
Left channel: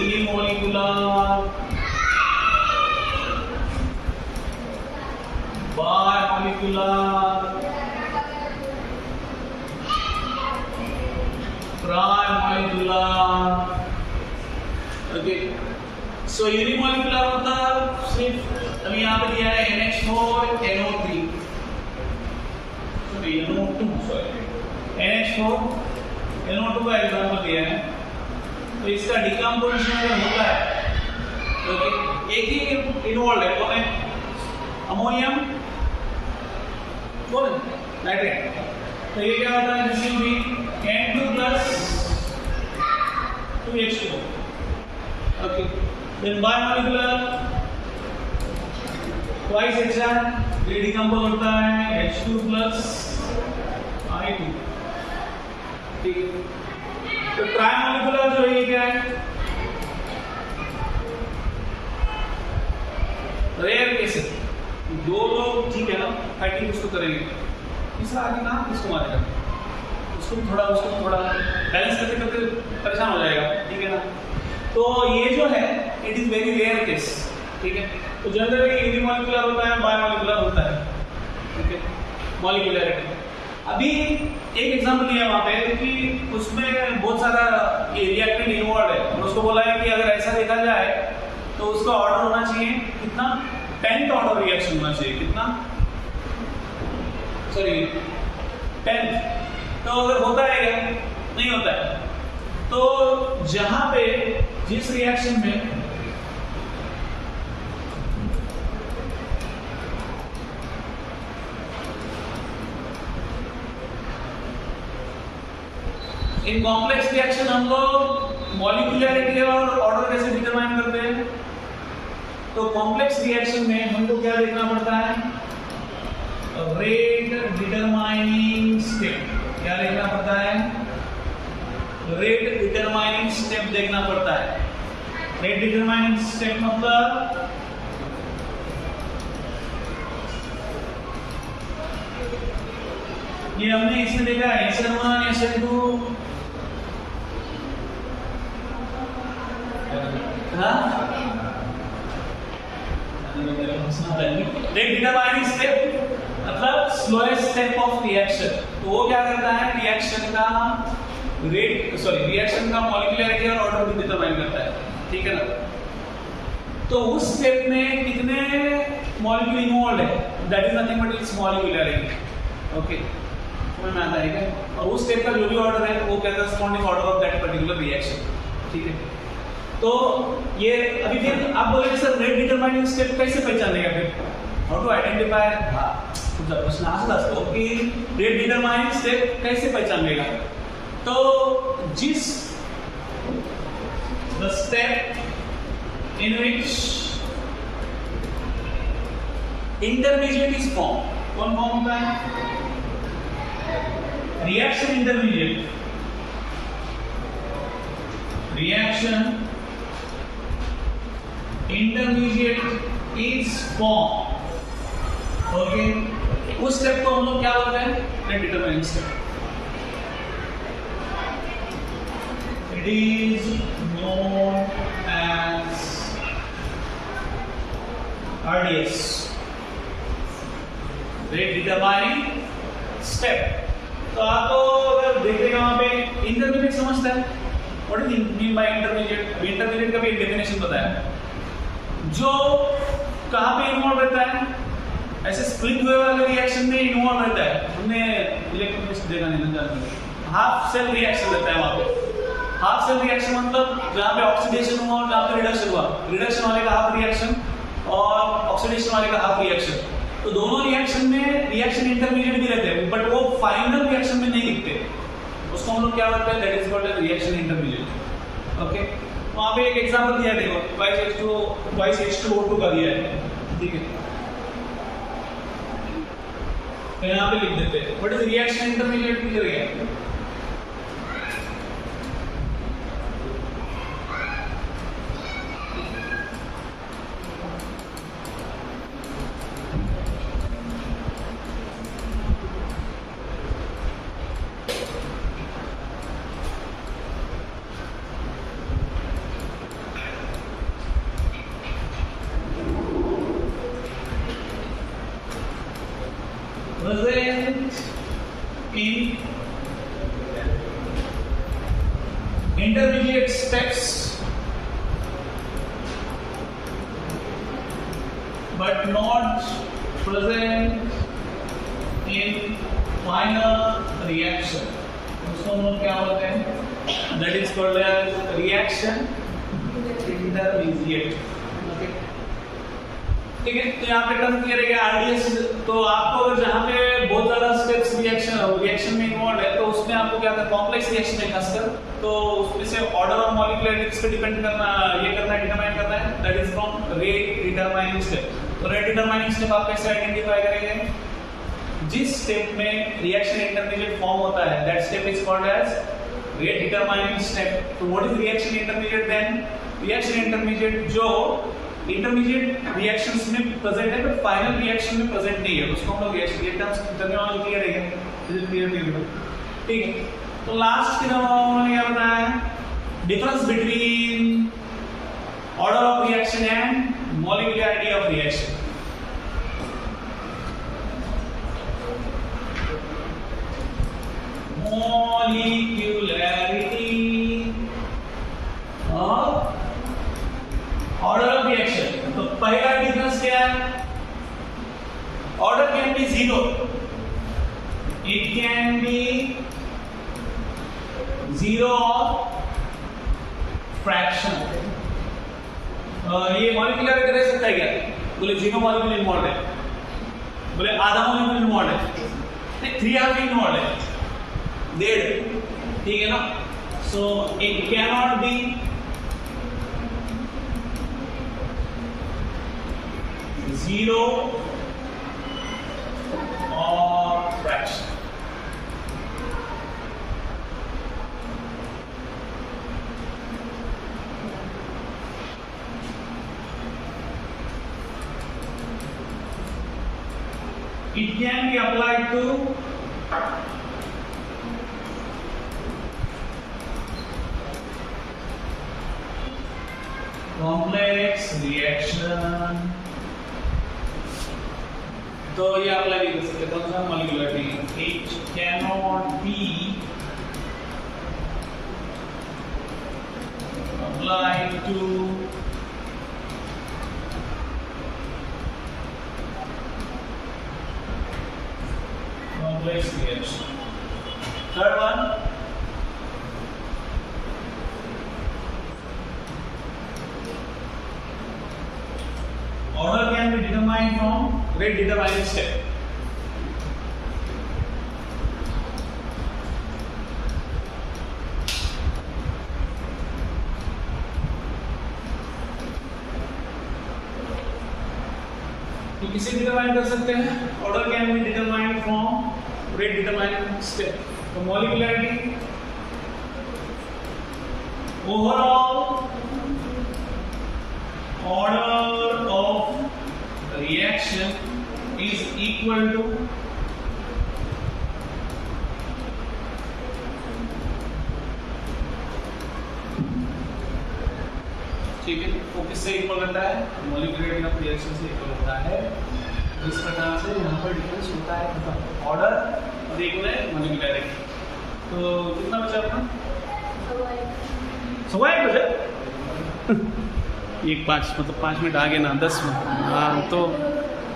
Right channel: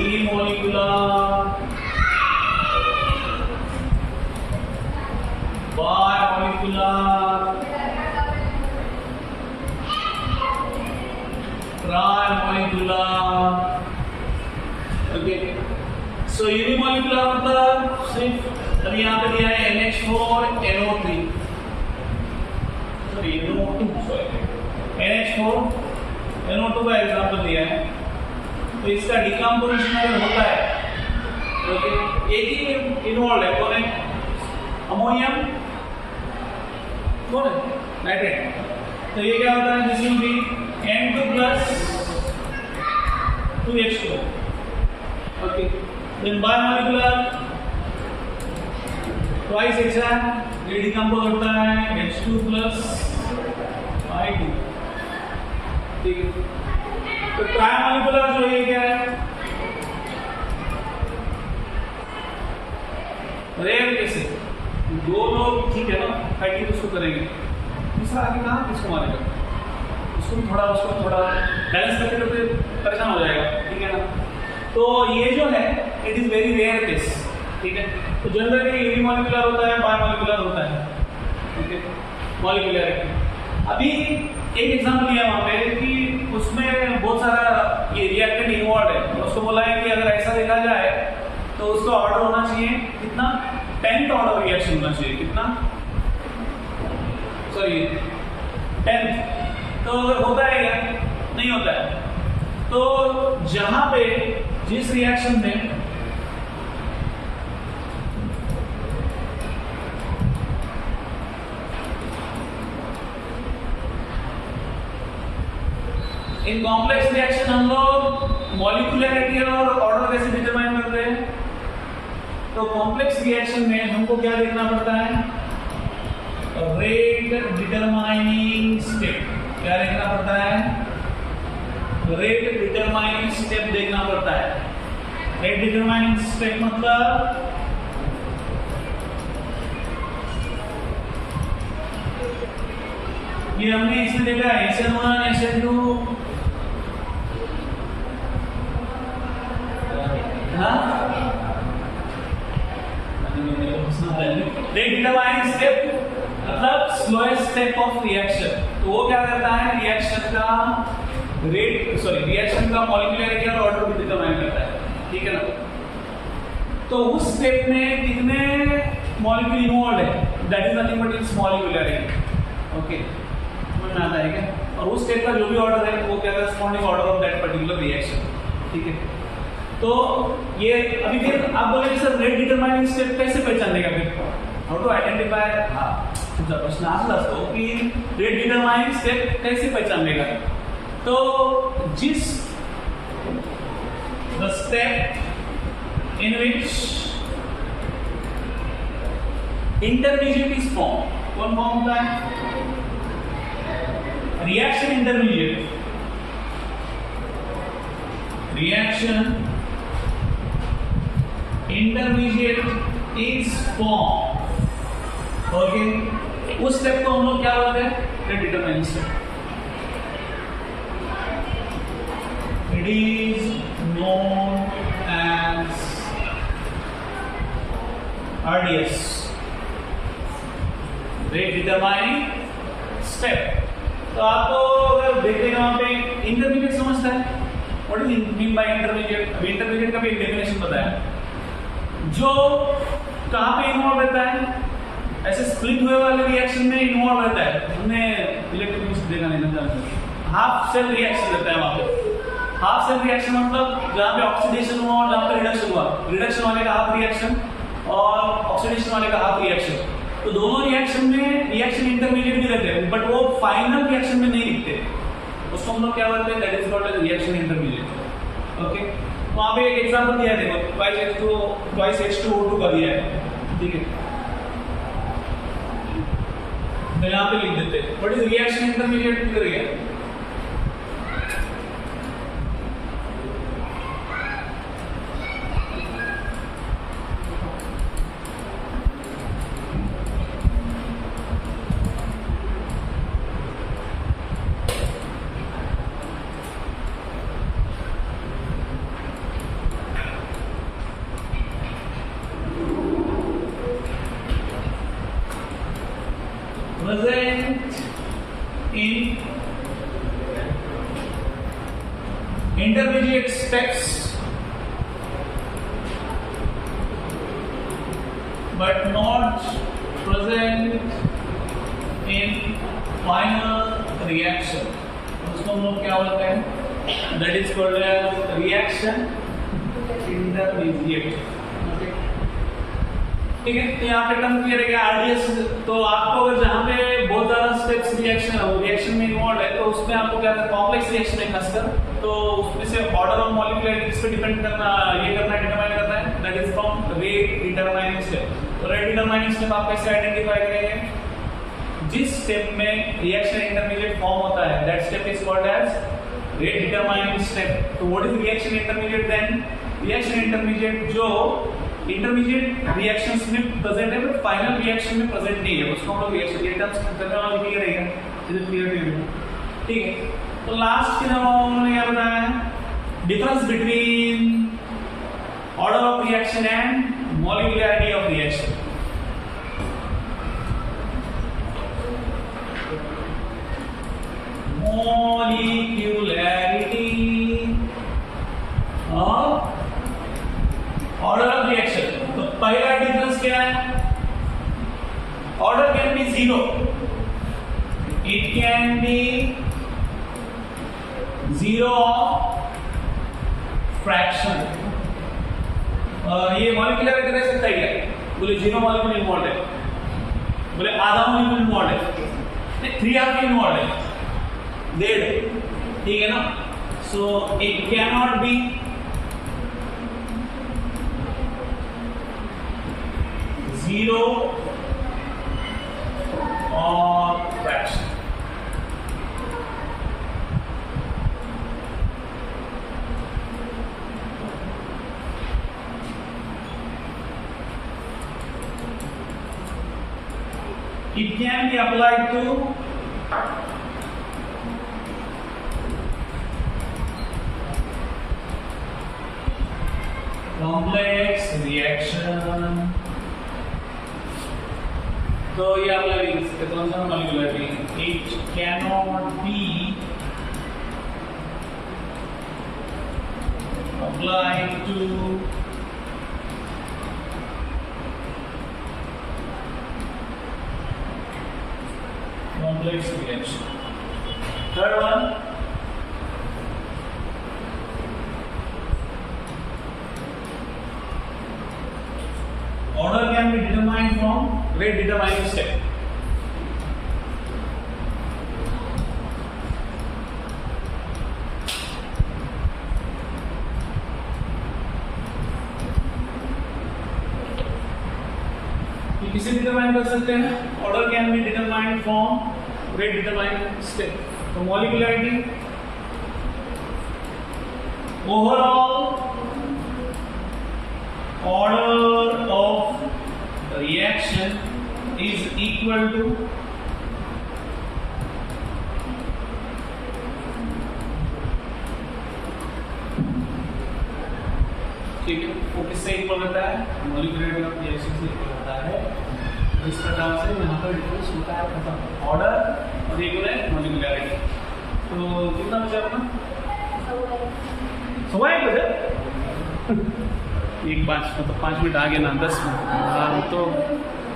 unimolecular, bimolecular, trimolecular. Okay so unimolecular मतलब सिर्फ अभी यहाँ पे दिया है NH4 NO3 sorry NO2 NH4 NO2 का एग्जांपल दिया है. तो इसका डिकम्पोजिशन अगर होता है तो एक ही इन्वॉल्व है, कौन है, अमोनियम, कौन है, नाइट्रेट. तो ये क्या होता है, this will be N2 plus 2H2. Okay. Then bimolecular twice HI, ये डिकम्पोज होता है H2 plus I2. ठीक है. तो ट्राइमोलिकुलर जो है क्या है, रेयर केसेस, दो लोग ठीक है ना फाइटिंग उसको करेंगे, तीसरा आगे ना इसको मारेगा, उसको थोड़ा बैलेंस करते परेशान हो जाएगा. ठीक है ना. तो ये जो है it is very rare case. ठीक है. तो जनरली यूनिमोलिकुलर होता है, बायमोलिकुलर होता है. ठीक है. मॉलिक्यूलरिटी अभी एक एग्जांपल लिया वहां पे कि उसमें बहुत सारा ये रिएक्टेंट इन्वॉल्व है और उसको बोला है कि अगर ऐसा देखा जाए तो उसका ऑर्डर होना चाहिए कितना, 10th ऑर्डर रिएक्शन होना चाहिए, कितना, सॉरी 10th. तो अगर होता है क्या, नहीं होता है. तो जहां पे जिस रिएक्शन में इन कॉम्प्लेक्स रिएक्शन हम लोग मॉलिक्यूलरिटी और ऑर्डर कैसे डिटरमाइन करते हैं. तो कॉम्प्लेक्स रिएक्शन में हमको क्या देखना पड़ता है, रेट डिटरमाइनिंग स्टेप. क्या देखना पड़ता है, रेट डिटरमाइनिंग स्टेप देखना पड़ता है. रेट डिटरमाइनिंग स्टेप मतलब ये हमने इसमें देखा है SN1 SN2, rate determining step मतलब स्लोएस्ट स्टेप ऑफ रिएक्शन. तो वो क्या करता है, रिएक्शन का रेट, सॉरी रिएक्शन का मॉलिक्यूलरिटी और ऑर्डर भी डिटरमाइन करता है. ठीक है ना. तो उस स्टेप में कितने मॉलिक्यूल इन्वॉल्व है, that is nothing but it's molecularity. Okay समझ में आता है क्या. और उस स्टेप का जो भी ऑर्डर है वो क्या corresponding order of that particular reaction. ठीक है. तो ये अभी फिर आप बोलेंगे सर रेट डिटरमाइनिंग स्टेप कैसे पहचानेगा, फिर हाउ टू आइडेंटिफाई. हाँ तुमचा प्रश्न असा असतो की रेट डिटरमाइनिंग स्टेप कैसे पहचानेगा. तो जिस the step in which intermediate is form, कौन फॉर्म होता है, reaction intermediate. Reaction intermediate is form. Okay उस स्टेप को हम लोग क्या बोलते हैं, rate determining step. It is known as RDS, rate determining step. तो आपको अगर देखेगा वहां पे इंटरमीडिएट समझता है, what is mean by intermediate. अभी इंटरमीडिएट का भी डेफिनेशन बताया, जो कहां पे इन्वॉल्व रहता है, ऐसे स्प्लिट हुए वाले रिएक्शन में इन्वॉल्व रहता है. हमने इलेक्ट्रोकेमिस्ट्री देखा नहीं लगता, हाफ सेल रिएक्शन रहता है वहां पे. हाफ सेल रिएक्शन मतलब जहां पे ऑक्सीडेशन हुआ और जहां पे रिडक्शन हुआ, रिडक्शन वाले का हाफ रिएक्शन और ऑक्सीडेशन वाले का हाफ रिएक्शन. तो दोनों रिएक्शन में रिएक्शन इंटरमीडिएट भी रहते हैं, बट वो फाइनल रिएक्शन में नहीं दिखते. उसको हम लोग क्या बोलते हैं, that is called reaction intermediate. Okay, वहां पे एक एग्जांपल दिया है, देखो ट्वाइस H2O2 का दिया है, ठीक है, तो यहाँ पे लिख देते हैं what is reaction intermediate, clear है। Present in intermediate steps but not present in final reaction, उसको हम लोग क्या बोलते हैं, that is called as reaction intermediate। ठीक है, तो यहाँ पे टर्म क्लियर है, आरडीएस। तो आपको अगर जहाँ पे बहुत ज्यादा स्टेप्स रिएक्शन में इन्वॉल्व है, तो उसमें आपको क्या करना है, कॉम्प्लेक्स रिएक्शन है खासकर, तो उसमें से ऑर्डर ऑफ मॉलिक्यूलरिटीज पे डिपेंड करना, ये करना है, डिटरमाइन करना है, that is from rate determining step. तो रेट डिटरमाइनिंग स्टेप आप कैसे आइडेंटिफाई करेंगे, जिस स्टेप में रिएक्शन इंटरमीडिएट फॉर्म होता है, that step is called as rate determining step. तो what is reaction intermediate then, reaction intermediate जो इंटरमीडिएट रिएक्शंस में प्रेजेंट है बट फाइनल रिएक्शन में प्रेजेंट नहीं है, उसको हम लोग रिएक्शन, ये टर्म्स टर्मिनोलॉजी क्लियर है, is it clear to everyone, ठीक है। तो लास्ट के नंबर उन्होंने क्या बताया है, difference between order of reaction and molecularity of reaction. Molecularity of order of reaction. तो पहला डिफरेंस क्या है, order can B zero, it can be zero of fraction. ये मॉलिक्यूलर में रह सकता है क्या, बोले जीरो मॉलिक्यूल इन्वॉल्व है, बोले आधा मॉलिक्यूल इन्वॉल्व है, नहीं 3 इन्वॉल्व है, डेढ़, ठीक है ना। So it can not B zero or fraction। It can be applied to complex reaction। तो ये आप अप्लाई कर सकते हैं, कौन सा molecularity, it can not be applied to complex reaction. Third one, order can be determined from rate determining step। किसे determine कर सकते हैं, order can be determined from rate determining step. तो molecularity overall order of reaction is equal to ठीक है, वो किससे equal रहता है, मॉलिक्यूलरिटी ऑफ रिएक्शन से इक्वल रहता है। इस प्रकार से यहाँ पर डिफरेंस होता है खत्म, ऑर्डर और इक्वल है मॉलिक्यूलरिटी। तो कितना बचा अपना, 1 बचा, 1 5 मतलब 5 मिनट आगे ना 10 मिनट, हाँ तो